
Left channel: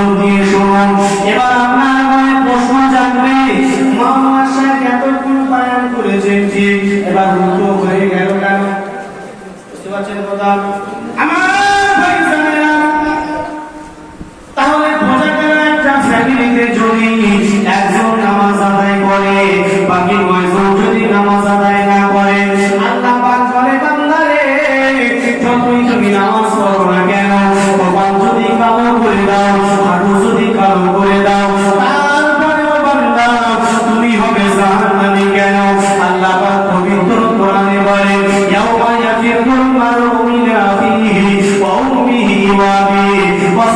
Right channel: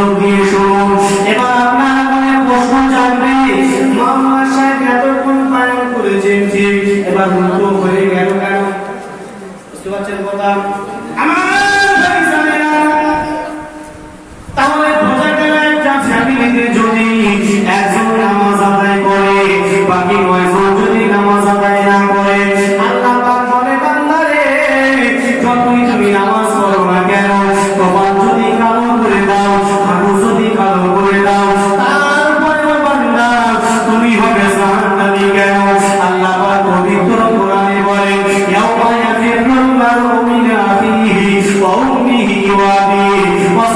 মনোযোগ দিয়ে শুনুন। এবার আপনারা মনে প্রশ্ন জানবে, মাওলানা সাহেব এতক্ষণ বয়ান করেছেন ঠিক, এবার উল্টো হয়ে গেল কেন? বুঝতে পারছেন কথা? আমার ভাইজানেরা, তাহলে বোঝা গেল একটা ফ্যামিলিতে যদি একজন নামাজ আদায় করে, বাকি কয়জন যদি নামাজ আদায় না করে, আল্লাহ পাক বলে বান্দারে যতই তুমি নামাজ পড়ো না কেন, কপাল যদি কালো করে দাও, হাঁটু যদি কালো করে দাও, তারপরেও বান্দা তুমি হবে জাহান্নামী কেন? আল্লাহ পাক পবিত্র কোরআনে বলে ইয়াউমা ইয়াফিরুল মারউ মিন আখিহি ওয়া উম্মিহি ওয়া আবিহি ওয়া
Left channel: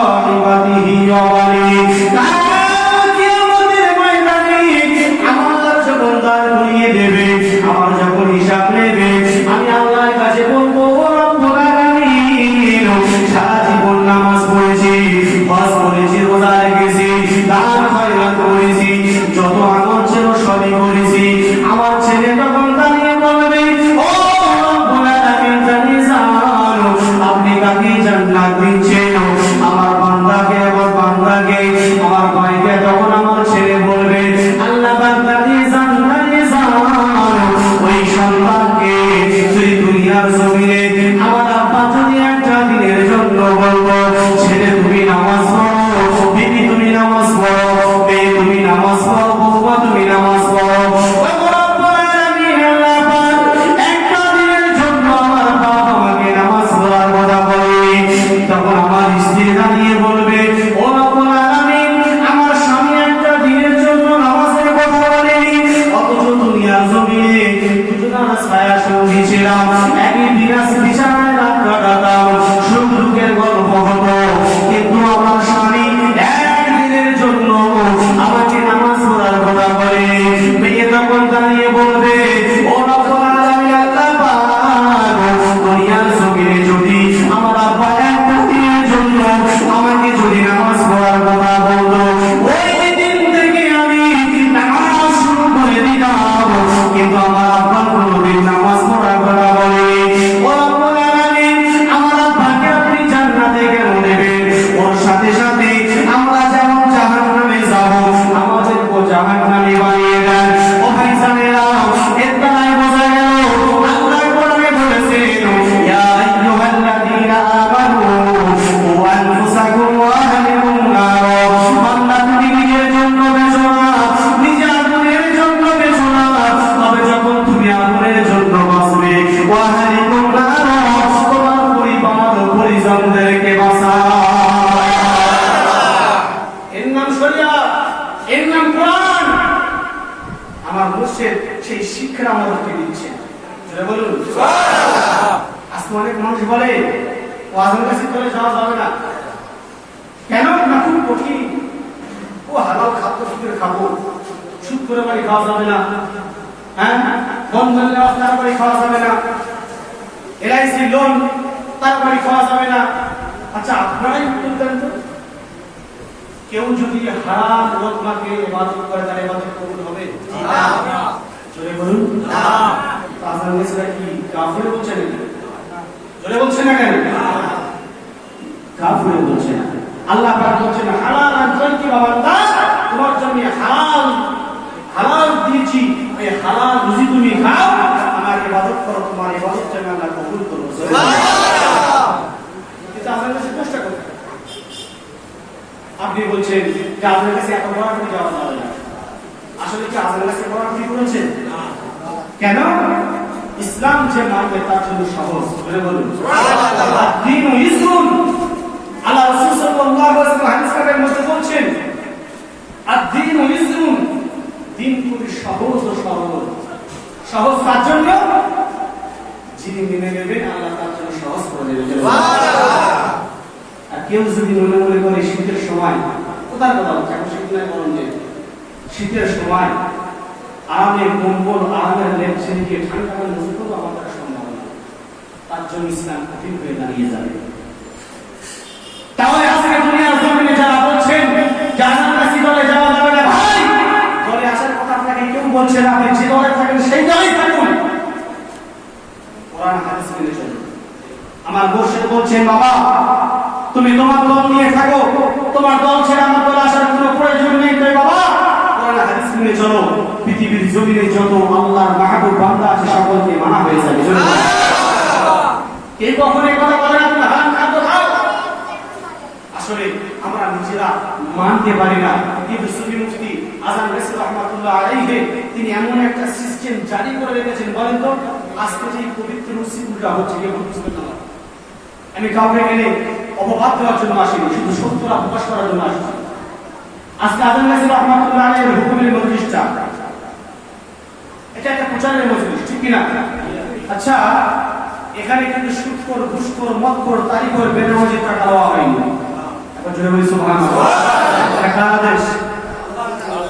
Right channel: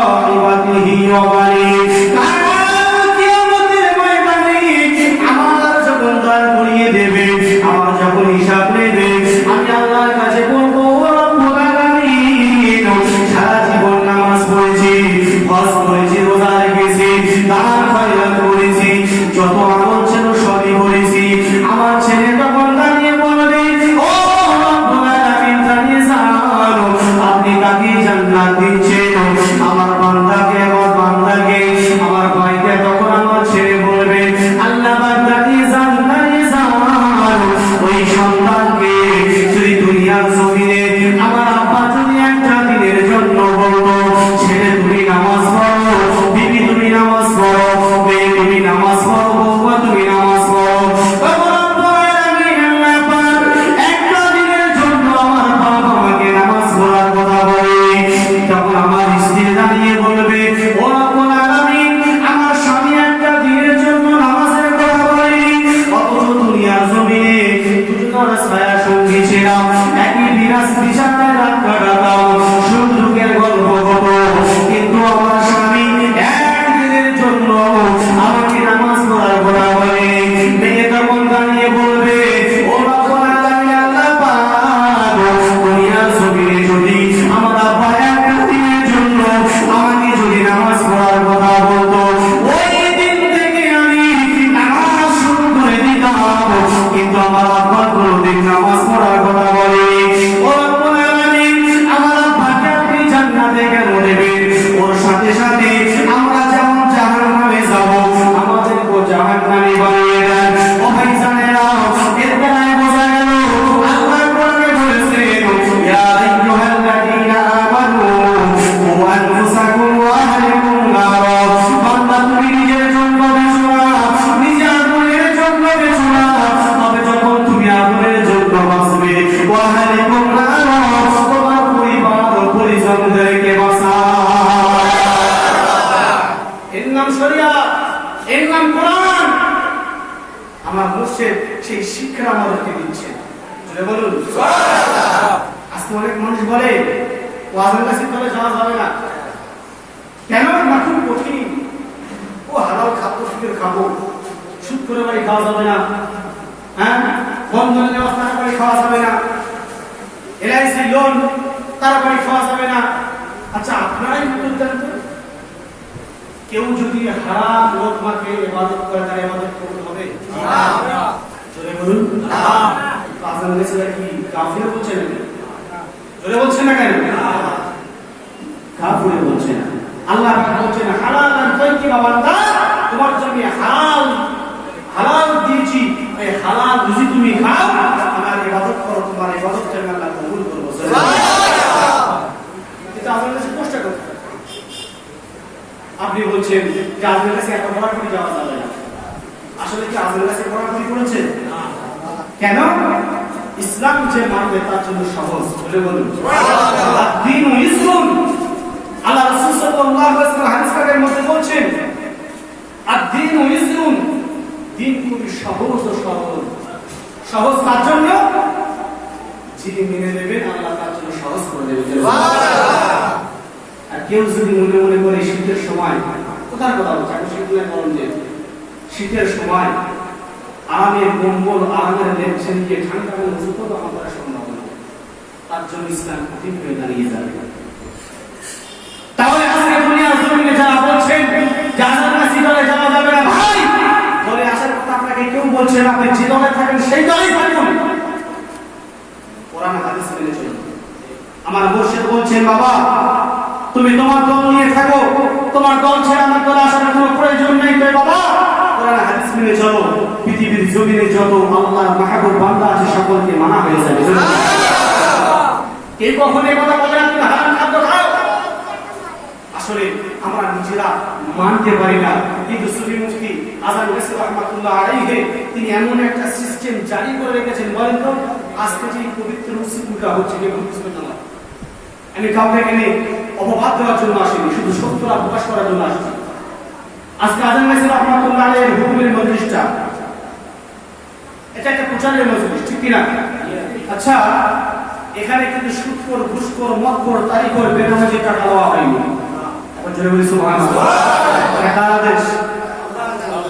সাহিবাতিহি ওয়া বানিহি। কাল কিয়ামতের ময়দানে আমার যখন দাঁড় করিয়ে দেবে, আমার যখন হিসাব নেবে, আমি আল্লাহর কাছে বলবো রব্বুল আলামিন সারা জীবন নামাজ পড়েছি, হজ করেছি, রোজা রেখেছি, দান খয়রাত করেছি, যত আমল ছিল সবই করেছি। আমার ছেলে তখন দাঁড়িয়ে বলবে ও রব্বুল আলামিন জানিয়ে যান আপনি কাকে জান্নাত দিচ্ছেন, আমার বান্দাকে, আমার বান্দাকে, আমার ভাইকে। তখন আমার ছেলে বলবে আল্লাহ পাক জানিয়ে যান, জানিয়ে যান ওই সন্তানকে যদি দুনিয়ার জমিনে আমার আব্বা যদি একটা দিনের জন্য বলবো ছেলে তুমি নামাজ পড়ো, বিবি তুমি নামাজ পড়ো, মেয়ে তুমি নামাজ পড়ো, বৌমা তুমি নামাজ পড়ো, তখন রব্বুল আলামিন আল্লাহ পাক একটা দিনের জন্য আমার বাবা আমাকে নামাজ পড়ার কথা বলে, তখন আমার স্ত্রী দাঁড়িয়ে বলবে ও রব্বুল আলামিন আমার স্বামী একটা দিনের জন্য নামাজের কথা বলে, অথচ দুনিয়ার জমিনে দুজনের ছায়া সঙ্গী ছিলাম, একই বিছানায় রাত কাটাতাম, সুখ দুঃখের গল্প হতো, কিন্তু আমার স্বামী একদিনের জন্য আমাকে নামাজ পড়ার কথা বলে। মেয়ে তখন দাঁড়িয়ে বলবে ও রব্বুল আলামিন আল্লাহ পাক দুনিয়ার জমিনে যদি আমার আব্বা একটা দিনের জন্য আমাকে যদি নামাজ পড়ার কথা বলতো, ওই দিন থেকে আমি নামাজ শুরু করে দিতাম, কিন্তু আমার আব্বা কোনোদিন নামাজ পড়ার কথা বলেনি। ও রব্বুল আলামিন আমার আব্বাকে আপনি জান্নাতে কেন দেবেন? ওর সাথে সাথে আমরা যেমন জাহান্নামে যাব, আমাদেরকে জাহান্নামী বানিয়ে দেন। ও ভাইজানেরা, এর দ্বারাই বোঝা গেল আল্লাহ কোরআনে বলেছেন ইয়া আইয়ুহাল্লাযীনা আমানু কু আনফুসাকুম ওয়া আহলিকুম নার। বান্দা তুমি নিজের জন্য বেঁচো না, নিজের আগুনের জন্য বেঁচো না, তবে যখন তুমি আগুনের জন্য বাঁচবে ওয়া আহলিকুম নার, তোমার পরিবার ও পরিজনদেরকে বাঁচাও। এর নাম শরিয়াত, এর নাম কোরআন। আমার মুর্শিদ সেই শিক্ষা আমাদেরকে দিচ্ছেন। বলুন সুবহানাল্লাহ। আজকে অনেক মানুষ বলে ওয়াজের কাছে চলে যাওয়া যাবে না কেন? না খুব কঠিন, ও হালাল খাদ্য ফিরে খাবো, সুদ করে বাড়ি খাওয়া যাবে না, হ্যাঁ বন্ধন নেওয়া তারপরে খাওয়া যাবে না, এলআইসি লোন তারপরে খাওয়া যাবে না। আচ্ছা আপনারাই উত্তর দেন তো, কেউ যদি হারাম লোকমাকে ইবাদত করে তার ইবাদত কবুল হবে? না। জোরে বলুন না। তাহলে সেটা কি কাফির বলছে নাকি? জোরে বলছে না কেন? কাফির বলছে না। আল্লাহ পাক বলছেন হালালান তাইয়্যিবা বান্দা, তোমার জন্য হালাল দিয়েছি, এই হালাল রুজি তুমি খাও, আমার ইবাদত করো, তোমার ইবাদত যেন আল্লাহ কবুল করবে। সুবহানাল্লাহ। এটা আমাদের কাছে কষ্ট করতে। আপনি বলছেন যে আপনার কাছে এত বড় করে যাওয়া যাবে না, আসলে কি আপনার কাছে বড় করে করেছেন? কেন? ইসলাম যে মানবে তার জন্য সহজ। বলে বলুন সুবহানাল্লাহ। দ্বীন ইসলাম, আল্লাহ রাসূল সাল্লাল্লাহু আলাইহি ওয়াসাল্লাম হাদিস কারের মধ্যে বলছেন আদ-দ্বীন ইসলাম, দ্বীন খুবই সহজ ও সরল। সহজ তার জন্য যিনি মেনে নেবেন আল্লাহ তার জন্য সহজ করে দেবেন। সুবহানাল্লাহ। আর কেউ যদি মনে মনে করে শীতের সময়, কোথার কথা হচ্ছে, এখন শীত নয় গরম যে, শীতের সময় আরামের কম্বল, আরামের লেপছেন গিয়ে ঠান্ডার মজুত আমাদের সম্ভব না, তার জন্য ইসলাম কঠিন হয়ে দাঁড়িয়ে যাবে। তাহলে আজকে দুনিয়ার জমিনে যারা বলছেন জান্নাতের কাছে যাওয়া যাবে না, ভাই বলে আসার কথা আপনাকে কেউ বলছে না, আপনি যে দলে থাকেন সেই দলেই থাকুন, কোরআন হাদিস মেনে চলুন। আমার মুর্শিদ বলছেন বাবা তুমি তুমি তোমার দল নিয়ে থাকো, তোমার দল ছেড়ে আমার দলে আসার কোনো প্রয়োজন নেই। তাই বাবা কোরআন হাদিস মেনে চলো, পৃথিবীর জমিনে যত আল্লাহর মাহবুব বান্দা আছে সকলকে মানা হয়ে যাবে। কে কখনো এই কথা বলে না তুমি হারাম খাদ্য খাও? আসলে আমরা নিজেরা মানতে পারি না, কিন্তু সুফি মুফতি আজান রাসূল রাহমাতুল্লাহ আলাইহি তিনি এমন একটা সিস্টেম জারি করে রেখেছেন। বলেন তো আজকে যে পবিত্র মুসিবতটা হচ্ছে কে বুঝতে না? আমি কাউকে গেলে অপবাদ দেওয়ার জন্য আসিনি, শুধু সত্যটা প্রকাশ করার জন্য আসছি। আজকে আজান রাসূল রাহমাতুল্লাহ আলাইহির হুকুমের মজলিসটা এটা একটা প্রচারের মজলিস, ঠিক কিনা? আচ্ছা, এখানে কিন্তু সুদখোর, ঘুষখোর, মদখোর, তারিখোর, বেনামাজির টাকা দেওয়া হয়নি। এখন জোরে বলি সুবহানাল্লাহ। এটা আদেশ,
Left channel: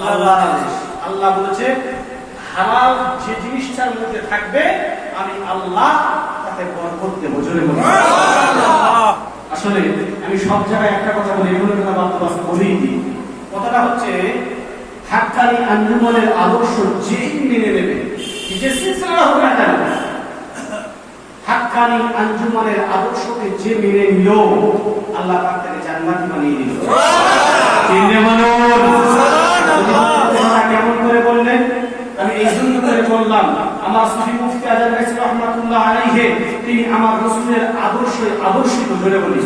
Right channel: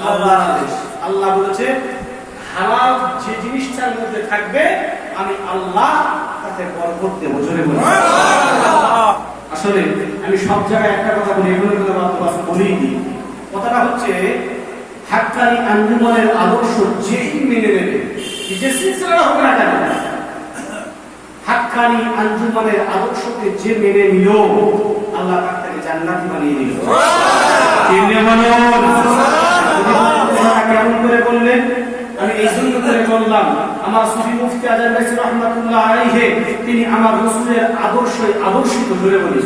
আল্লাহর আদেশ। আল্লাহ বলেছে হালাল যে জিনিসটার মধ্যে থাকবে আমি আল্লাহ তাতে বরকত দেব। জোরে বলি। আসলে আমি সব জায়গায় একটা কথা বলি, এগুলো কথা বলেই দিই। কথাটা হচ্ছে হাক্কানি আঞ্জুমানের আদর্শ যেই মেনে নেবে, যে সিলসিলা হোক না কেন, হাক্কানি আঞ্জুমানের আদর্শকে যে মেনে নিল আল্লাহ তাকে জান্নাত বানিয়ে দিল। কেমন করে বললেন? আমি এই জন্য করে বললাম, আমার সুফি মুফতি আজান রাসূল রাহমাতুল্লাহ আলাইহি তিনি আমার রাসূলের আদর্শে আদর্শিত করে বলি।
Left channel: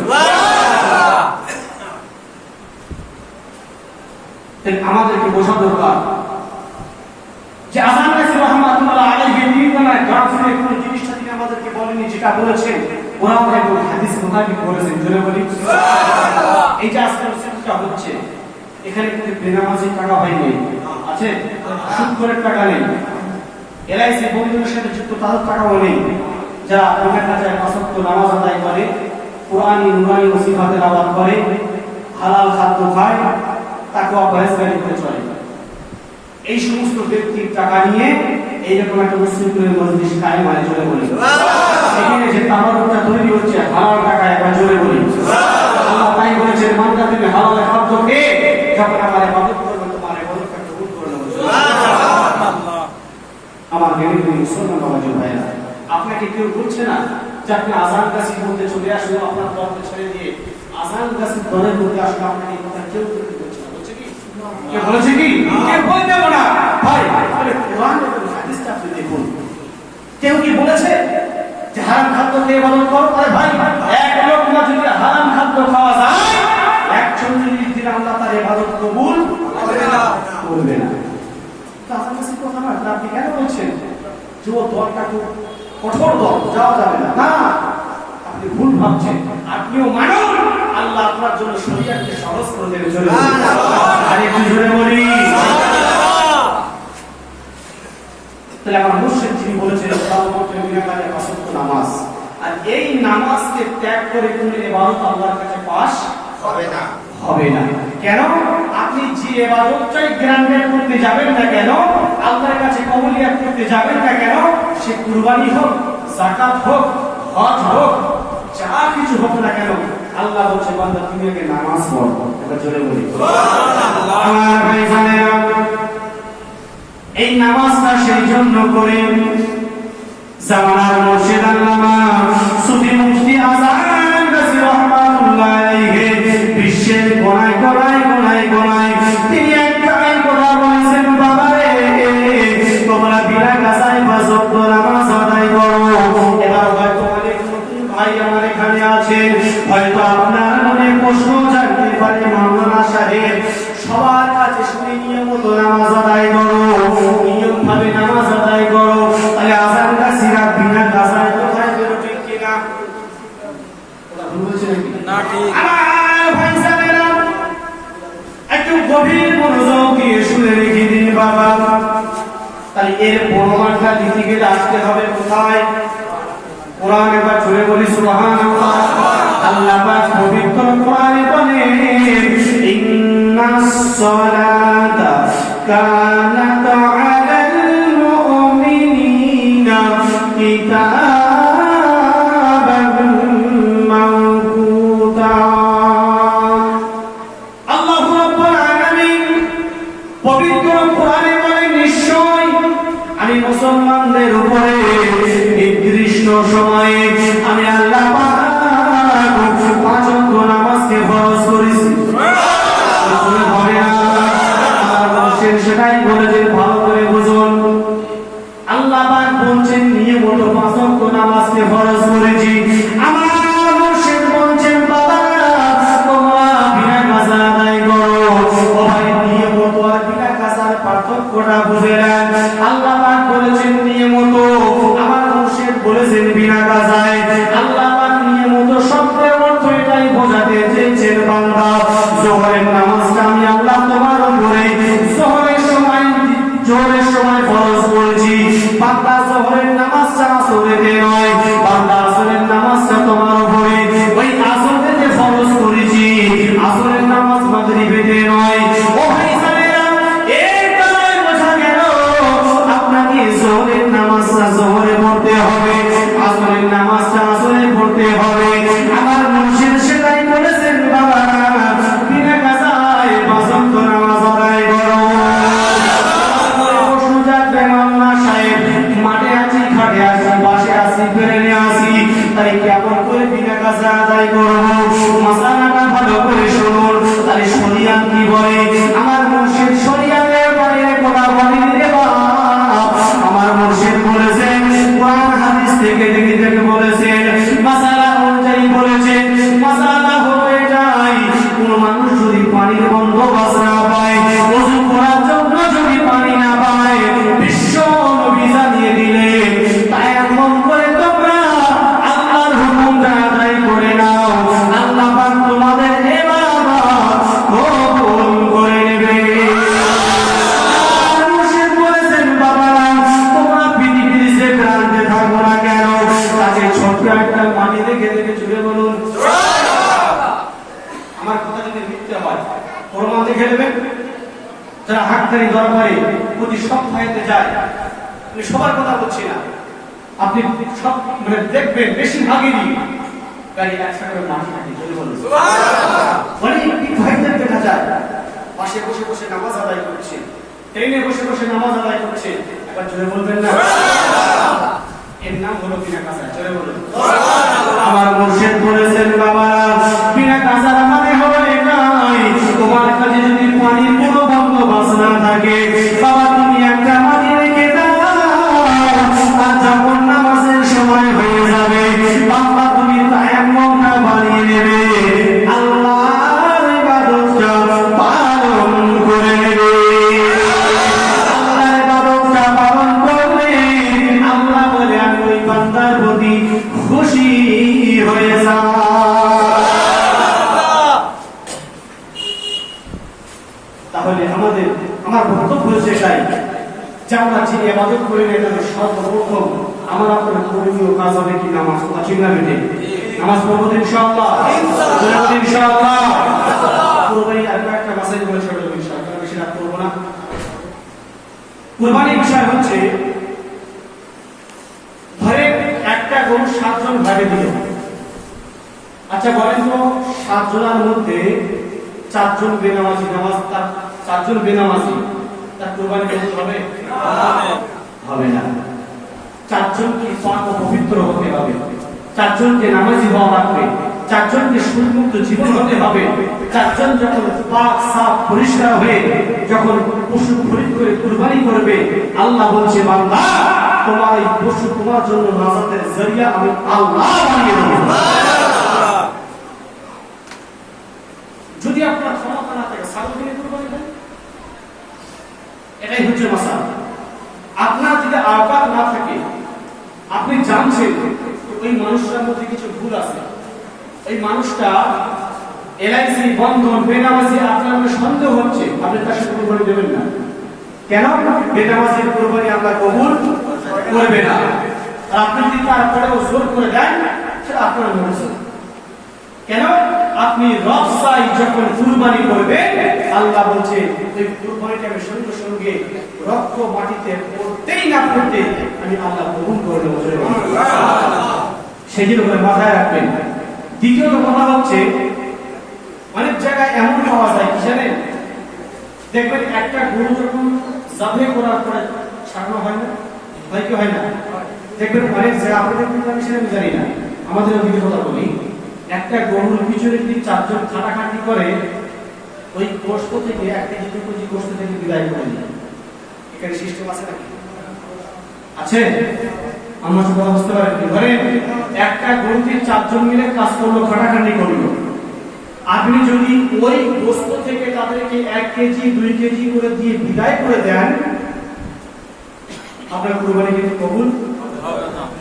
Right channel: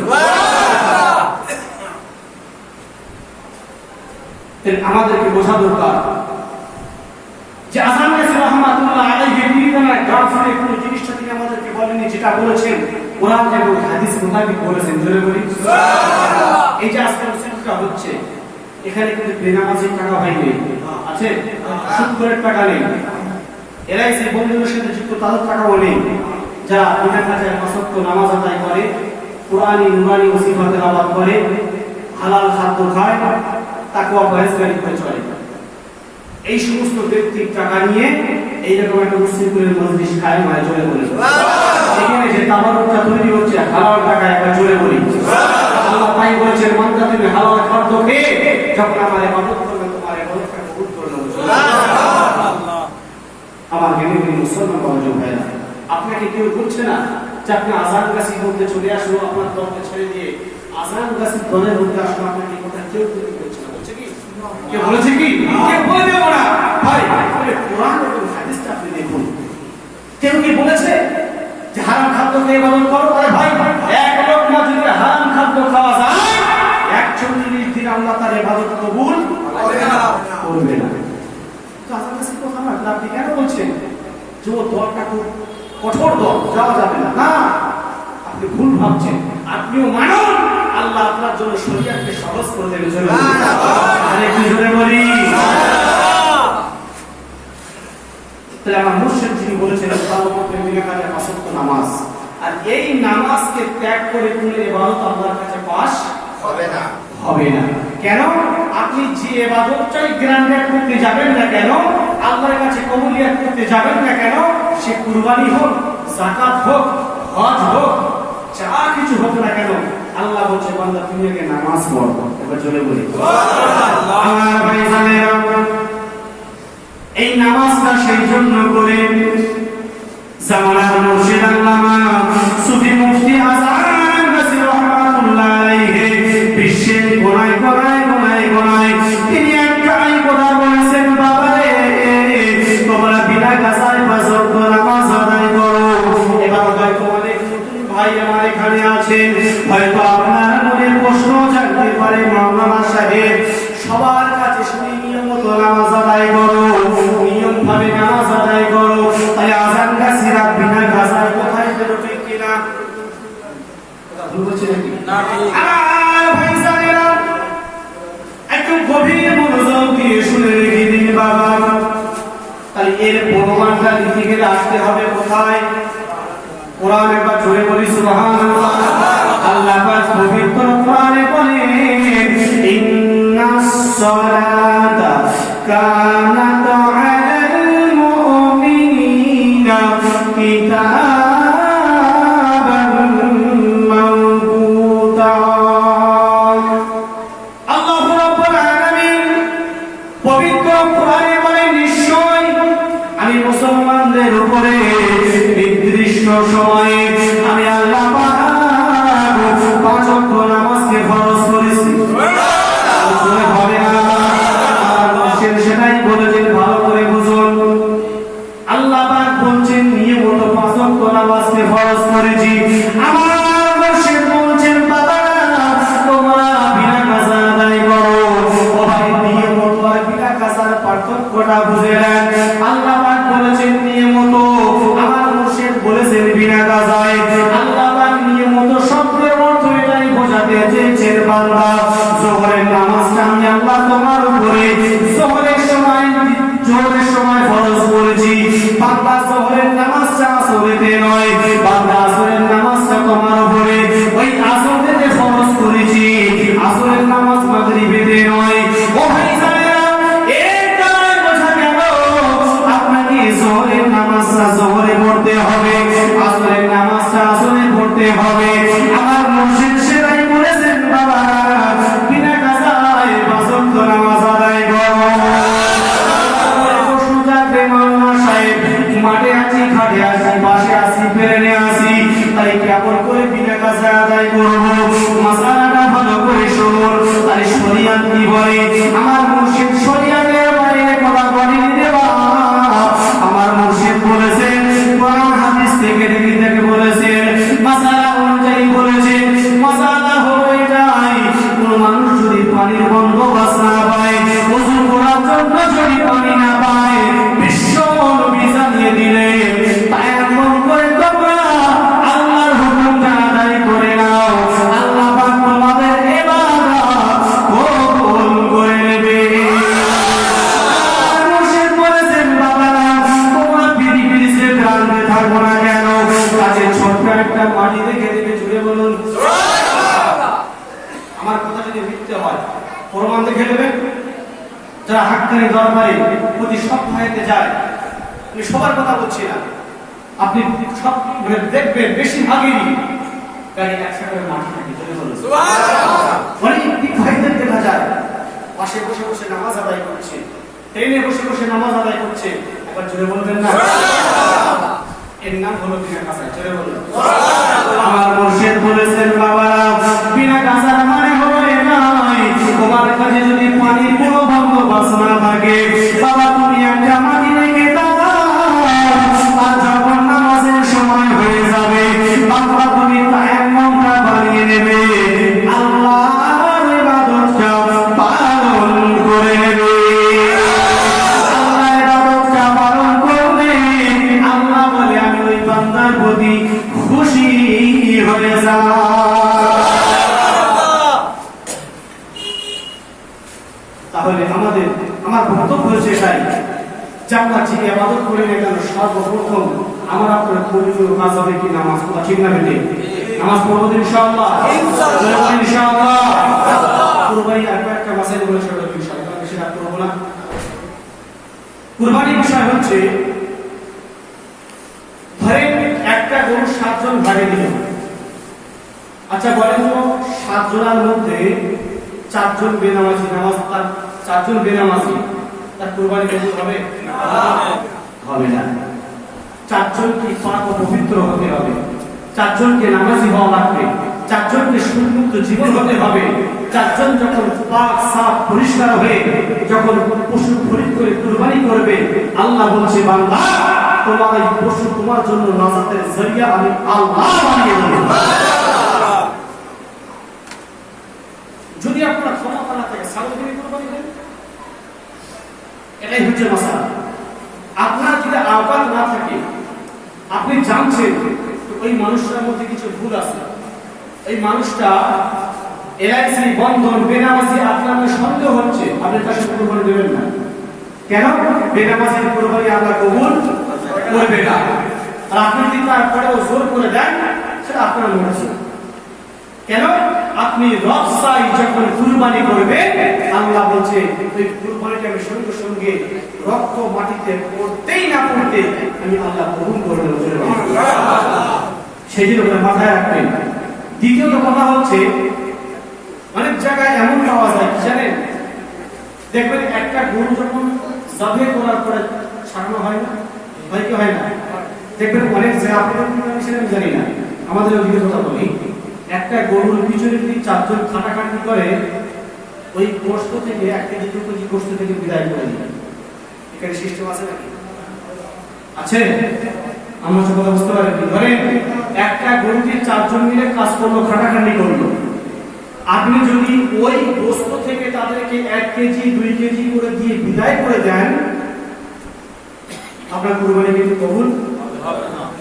আমাদেরকে বোঝা দরকার যে আজান রাসূল রাহমাতুল্লাহ আলাইহি তিনি তার গাফিলে কোন জিনিসটা তিনি আমাদেরকে বলেননি, যেটা বলেছেন কোরআন এবং হাদিস মোতাবেক বলেছেন। জোরে বলি সুবহানাল্লাহ। এই যে আজকের সেটটা হচ্ছে এখানে কিন্তু বেনামাজির টাকা হয়নি, আছে সুদখোরের টাকা নেই, এলআইসি বন্ধুদের সাথে যুক্ত তাদের টাকাও নেই, যারা বিনা কাজে পাঁচ নামাজ আদায় করে, কোরআনী নুরানি ওসিফা তেলাওয়াত করে, হালাল খাদ্য খায়, তাকওয়া পরহেজগারি করে চলে। এই সমস্ত ব্যক্তির টাকা নিয়ে এইরকম একটা মুসলিমের মজলিস কায়েম হয়। জোরে বলি এখানে যে তাবারুকটা তৈরি হচ্ছে হালাল টাকা, একবার জোরে বলি আল্লাহ তাই বলেছেন বান্দা তুমি হালাল খাদ্য খেয়ে যখন আমার ইবাদত করবে তোমার ইবাদতটা কবুল করে নেব। সুবহানাল্লাহ। আমার বেনিনি মুসলমান ভাইরা, আপনাকে কেউ বলছে না যে আপনি আজান গাছি বলতে চলে আসলো, আপনার দলকে ছেড়ে দিয়ে আজান গাছি দলের মধ্যে আসলো, আপনাকে কথা কেউ বলছে না। বলছে কি? কে বলেছে কি? কে বলে দেব না ভাই? তাহলে কোরআন এবং হাদিসটা আপনি দেখুন। কেউ কি বলেছে যে হারাম খাদ্য খেয়ে ইবাদত করো? আরে ভাই এক লোকমা যদি হারাম খাদ্য খাওয়া যায় 140 দিন আল্লাহ তার ইবাদত কবুল করবে না। তো আজান গাছি তো হারাম, আপনি কেন বলছেন যে ও দলটা খুব কঠোর দল, যাওয়া যাবে না? না, আপনি ভুল ভাবছেন। আপনিও মানুন, আল্লাহ আপনার জন্য শরীয়তকে সহজ করে দেবে। চলে আরেকটু জোরে বলি। তাহলে আমার মুর্শিদ যিনি বলেছেন নামাজ, আর এই নামাজকে ত্যাগ করে কোন ইবাদত আল্লাহর কাছে পাস হবে না, হবে না। কেন? আপনি যে ইবাদতটাই গ্রান্টেড করতে যাবেন না কেন, আল্লাহর কাছে কবুলিয়ত করতে যাবেন না কেন, সে কুরবানি হোক, যাকাত হোক, হজ হোক, যা কিছু হোক না কেন, আল্লাহ বলছে বান্দা তুমি আগে নামাজ পড়ো। এবার জোরে বলি সুবহানাল্লাহ। আমার ভাইজানেরা, এই নামাজটা সেই জন্য করে জামানার মুর্শিদ আল্লামা সুফি মুফতি আজান রাসূল রাহমাতুল্লাহ আলাইহি বিশ্বের কোনায় কোনায় কোনায় কোনায় তিনি একটাই কথা বলেছেন, বাবারে তোমরা বিনা কাজায় পাঁচ ওয়াক্ত নামাজ আদায় করো। এবার হয়তো অনেক নতুন ভাই আমার এখানে আছেন, হয়তো আপনার মনে প্রশ্ন জাগতে পারে, মাওলানা সাহেব সবার কাছে শুনে নিয়মিত নামাজ আদায় করো, নিয়ম ভাবে নামাজ আদায় করো, তাহলে আজান গাছি রাত বিনা কাজায় কোথায় বেরোবে কিনা? কথা ভুল বলছি নাকি? না, ঠিক। আমার ভাইজানেরা একটু গভীর মনোযোগ দিয়ে শুনে রেখে দিন বাবা। তাহলে এর প্রমাণটা দিতে গেলে আসতে হবে কোথায়? কোরআন। একবার জোরে বলি সুবহানাল্লাহ। আল্লাহ পাক পবিত্র কোরআনে বলেন ইন্নাস সালাতা কানাত আলাল মুমিনিনা কিতাবান মাওকুতা। আল্লাহু রাব্বুল আলামিন পবিত্র কোরআনে বলেন নিশ্চয় আমি মুসলমানদের উপরে নির্দিষ্ট সময়ে আমি আল্লাহ পাক 5 ওয়াক্ত নামাজকে নামাজকে ফরজ করেছি। হবে না, সেটাই বলেছেন, ভালো করে বুঝুন। আল্লাহ পাক বলছেন নিয়মিত 5 ওয়াক্ত নামাজকে ফরজ করেছি। আমার মুর্শিদ বলছেন বাবা তোমরা বিনা কাজা আদায় করো। ও ভাই নিয়মিত আর বিনা কাজার পার্থক্যটা বুঝে নেন। আল্লাহ পাক বলেছেন নিয়মিত, আমার মুর্শিদ বলেছেন বিনা কাজায়। আল্লাহ পাক নিয়মিত শব্দের অর্থ এটাই বোঝাতে চেয়েছেন বান্দা যোহরের নামাজটা আমি আল্লাহ তোমার উপরে যোহরের সময় ফরজ করেছি। বান্দা যোহরের নামাজটা আসরেতে নয়, বান্দা আসরের নামাজটা তোমার উপরে ওই আসরেতে ফরজ করেছি। আসরের নামাজ মাগরিবেতে নয়। ও ভাই জানেরা এটা বোঝা গেল আপনাকে যোহরের নামাজটা যোহরে পড়তে হবে, আসরের নামাজটা আসরে পড়তে হবে। আমার মুর্শিদ সেটাই বলেছেন বাবা বিনা কাজায় 5 ওয়াক্ত নামাজ আদায় করো। মাঠে আছি, খাটে আছি, বাসে আছি, বেড়ে আসি, তাই কেমন করে বিনা কাজা আদায় করবো? মাসালাটা ভালো করে শুনুন। তাই শরিয়াত কি বলে? আমার মুর্শিদ শরিয়াতের বাইরে কথা বলেনি রে বাবা। আমার মুর্শিদ বলেছেন কোরআন হাদিস থেকে বলেছেন, মাসালা অনুযায়ী বলেছেন। মাসালা হয়ে যায় কোন মানুষ যদি পানির বন্দোবস্ত না পায়, ওযু করার জন্য যদি পানি না পায়, বিশ্ব নবী জানিয়ে দিলেন তায়াম্মুম করে তোমরা আল্লাহর হুকুমটা আদায় করে নাও। আল্লাহ পাক তোমাদের ইবাদত কবুল করে নেবে। মুর্শিদ বলেছেন বাবা তোমরা পৃথিবীতে প্রান্তে থাকবো না কেন, তাকে ছোট্ট একটা মাটি রেখে দেবে। জুড়ে বলুন আমার কথা যদি মিথ্যে হয় প্রমাণ দেখে নেবেন। যারা হাক্কানি দরবারে প্রতি সপ্তাহেতে যায়, আমি সবার কথা বলছি না, আপনি সব মানে দেখবেন বেশিরভাগেরই গাড়ি 100 টাকা মাটি থাকে। চলে বলুন অনেক ভাইদের দেখা যায় পাশে বসে বসে নামাজ আদায় করছে, ট্রেনে বসে বসে নামাজ আদায় করছে। একবার জোরে বলবেন না, এর নাম হলো বিনা কাজা। জোরে বলুন। আমার মুর্শিদ বলেছেন বাবা বিনা কাজার মানে হবে নাই তোমার কাছে যদি পানির কোনো বন্দোবস্ত না থাকে, বাবা তুমি একটা মাটি রেখে দাও, আর যখন নামাজের সময় হয়ে যাবে বাবা তুমি তায়াম্মুমটা বানিয়ে নেবে, আল্লাহর ইবাদতটা পালন করে নেবে। আল্লাহর ইবাদতটা পালন করলে আল্লাহ বলে আমি ওই বান্দার প্রতি খুশি হয়ে যাব। তাহলে আমার বক্তব্য হচ্ছে এটাই যে আমরা যে ইবাদত করি না কেন সর্বপ্রথম আমরা আপনার করণীয় কাজ হবে কি নামাজ পড়া। ঠিক না বেটে? নামাজ পড়বো ইনশাআল্লাহ, ইনশাআল্লাহ। কুরবানি আর একটা মাসের বলে ছোট ইনশাআল্লাহ, বেশি রাত করব না। কুরবানির বিষয় হচ্ছে ধরে একটা গরু 7 জন ভাগে দিল। আচ্ছা বলেন তো 7 জনের মধ্যে 4 জন বেনামাজি, নামাজ তার 4 জন বেনামাজি, তার কুরবানি কবুল হবে? হবে না। 4 জনকে পাক ও পবিত্র হতে হবে, 4 জনকে নামাজি হওয়া লাগবে, 4 জনকে সুন্নত জীবন হতে হবে। 4 জন যখন পাক সাফ পরিষ্কার হয়ে যখন পশু খরিদ করে কুরবানি করবে, আল্লাহ বলছে বান্দা তোমার এই পশু তোমার জন্য নাজাতের জরিয়া আমি আল্লাহ বানিয়ে দেব। যদি আপনার ক্ষমতা না থাকে ছাগল কিনে কুরবানি করেন, এটাই হচ্ছে মাসালা। আপনার যদি আওকাত না থাকে, আপনি জানছেন ওই মানুষটার মধ্যে কিছু ভুল আছে, এই মানুষটা এলআইসি বন্ধন বেনামাজি, আপনার সন্দেহ হচ্ছে, আপনি তার সাথে কুরবানি দেবেন না। কেন? বেনামাজির কুরবানি আল্লাহ কবুল করবে না। আর আপনি যদি তারপরেও জোর করে দেন, সেটা আপনার মর্জি। কেন? আপনি রব চাই যখন কুরবানি করবে, আল্লাহ বলছে ওই কুরবানিটা আমি সঙ্গে সঙ্গে রক্ত মাটিতে পড়তেই না পড়তে আমি আল্লাহ কবুল করে দেব। সেই জন্য মাথায় রাখবেন। দ্বিতীয়ত কথা হচ্ছে অনেক জায়গায় এমন পাওয়া যায় কি জানেন, দেখবেন একটা গরু যখন জবাই করার পরে ছাড়ানো হয় না, হয় কি হয় না? দেখবেন অনেক জায়গায় আপনাদের আমি জানি না, আমাদের ওদিকে কথা বলি, একটা গরুর পিছনে যদি 4 জন খাটাখাটি করে ওই গোশত থেকে 1 কেজি 2 কেজি গোশত থেকে বিদায় করে দিবে। এখানে সিস্টেম আছে নাকি? আছে? আমরা সব কথা বুঝতে পারি। ধরে একটা গরুতে 4 জন মিলে কাজ করলো, খাটাখাটি করলো, আপনি যদি ওই গোশত থেকে তাদেরকে 1 কেজি 2 কেজি করে দিয়ে বিদায় করে দেন, আপনার কুরবানি কিন্তু কবুল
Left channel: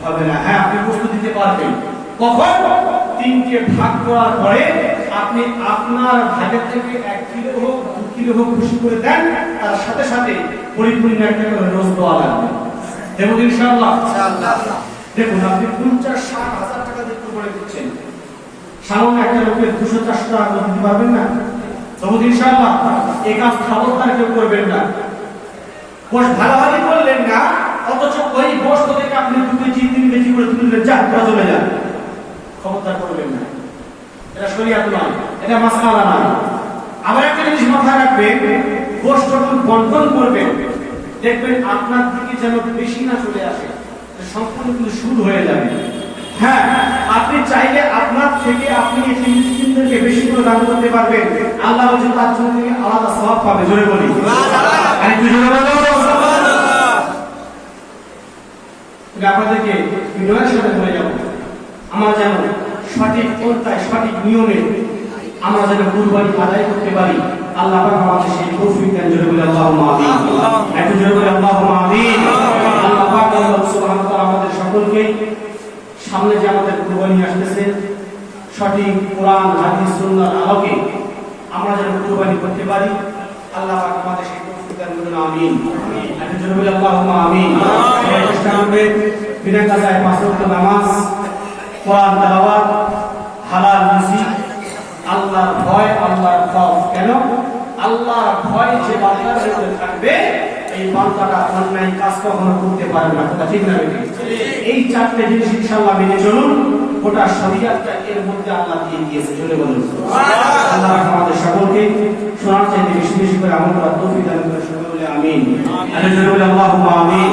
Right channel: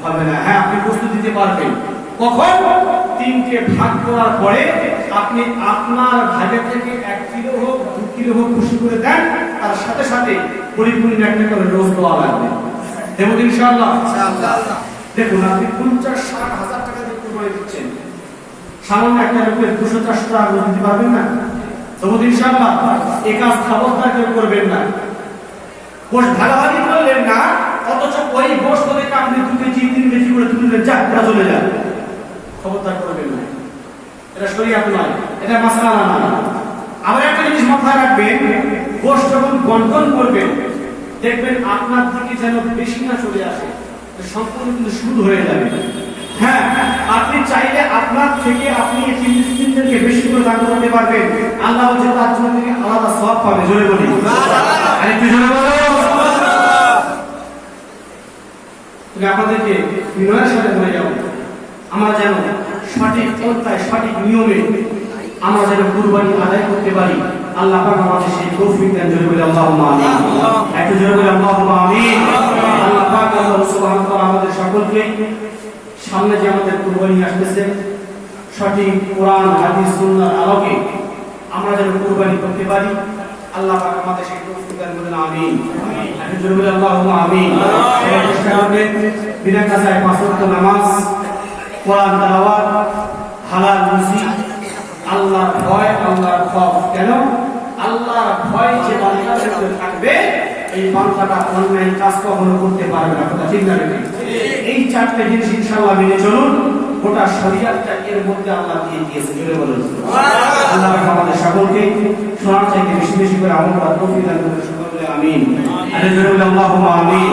হবে না। হ্যাঁ, আপনি গোশত দিতে পারবেন কখন? 3টে ভাগ করার পরে আপনি আপনার ভাগের থেকে 1 কিলো হোক 2 কিলো হোক খুশি করে দেন, তার সাথে সাথে পরিপূর্ণ একটা করে রোজ দেওয়া লাগবে। দেব ইনশাআল্লাহ। দেখুন, আপনি 50-60 হাজার টাকা দিয়ে কুরবানি দিচ্ছেন, সামান্য একটা লোকের 200-400 টাকা দিতে পারবেন না? দেব ইনশাআল্লাহ। এই কাজ খবরদার কেউ করবেন না। গোশ ভাগাভাগি করলেন না, অথচ ওই গোশ থেকে আপনি 2 কেজি 3 কেজি করে তুলে যা চলে যান, খবরদার করবেন না। এটা শরীয়ত নয়, এটা মাসআলা না। আবার একটা জিনিস মাথায় রাখবেন, গোশ যখন বন্টন করবেন দেখবেন আপনার থেকে যেন বেশি না চলে আসে, সম্পূর্ণ কিন্তু সুদ হয়ে যাবে। হ্যাঁ, আপনি চাইলে আপনার থেকে আপনি এতিম মিসকিনদেরকে বেশি করে দান করতে পারবেন, আল্লাহ বলেন তার জন্য থেকে আলাদা সওয়াব পাবে। জোরে বলি আরেকটু জোরে বলো। তবে আপনাদেরকে বিনয়ের সাথে বলে যাব, আমরা যেন সঠিক পন্থায় সঠিক নিয়মে আমরা যেন কুরবানি আদায় করতে পারি। আল্লাহ পাক আমাদের সেই তৌফিক দেন। জোরে বলি আল্লাহুম্মা আমিন। একটু জোরে বলি আল্লাহুম্মা আমিন। আল্লাহ পাক আল্লাহ সুবহানাহু ওয়া তাআলা আমাদের সকলকে সামনে যে আমাদের কুরবানি আসতেছে, সঠিক কোরআন হাদিস সুন্নাহর আলোকে আমরা যেন কুরবানি করতে পারি। আল্লাহ পাক আমাদের সেই তৌফিক দান করুন। আমিন। একটু জোরে বলি আল্লাহুম্মা আমিন। চেষ্টা করবেন বিনা কাজায় 5 ওয়াক্ত নামাজ, কোরআন তেলাওয়াত, হালাল রুজি, আল্লাহর ভয়, আল্লাহর খৌফ। কেন? আল্লাহর ভয় যে বান্দার ভিতরে থাকবে, এই বান্দাটা অন্যায় কাজ কখনো করতে পারবে না। কথা ঠিক না? এই 4টে জিনিস ইনশাআল্লাহ মেনে চলুন, গোটা শরীয়তটা এর মধ্যে আল্লাহ দিয়ে দিয়েছে। জোরে বলুন সুবহানাল্লাহ। আল্লাহ আমাদের সকলকে শোনার চাইতে বেশি বেশি করে আমল করার তৌফিক দান করুন। সকলে আমিন। আর জোরে বলি আল্লাহুম্মা আমিন।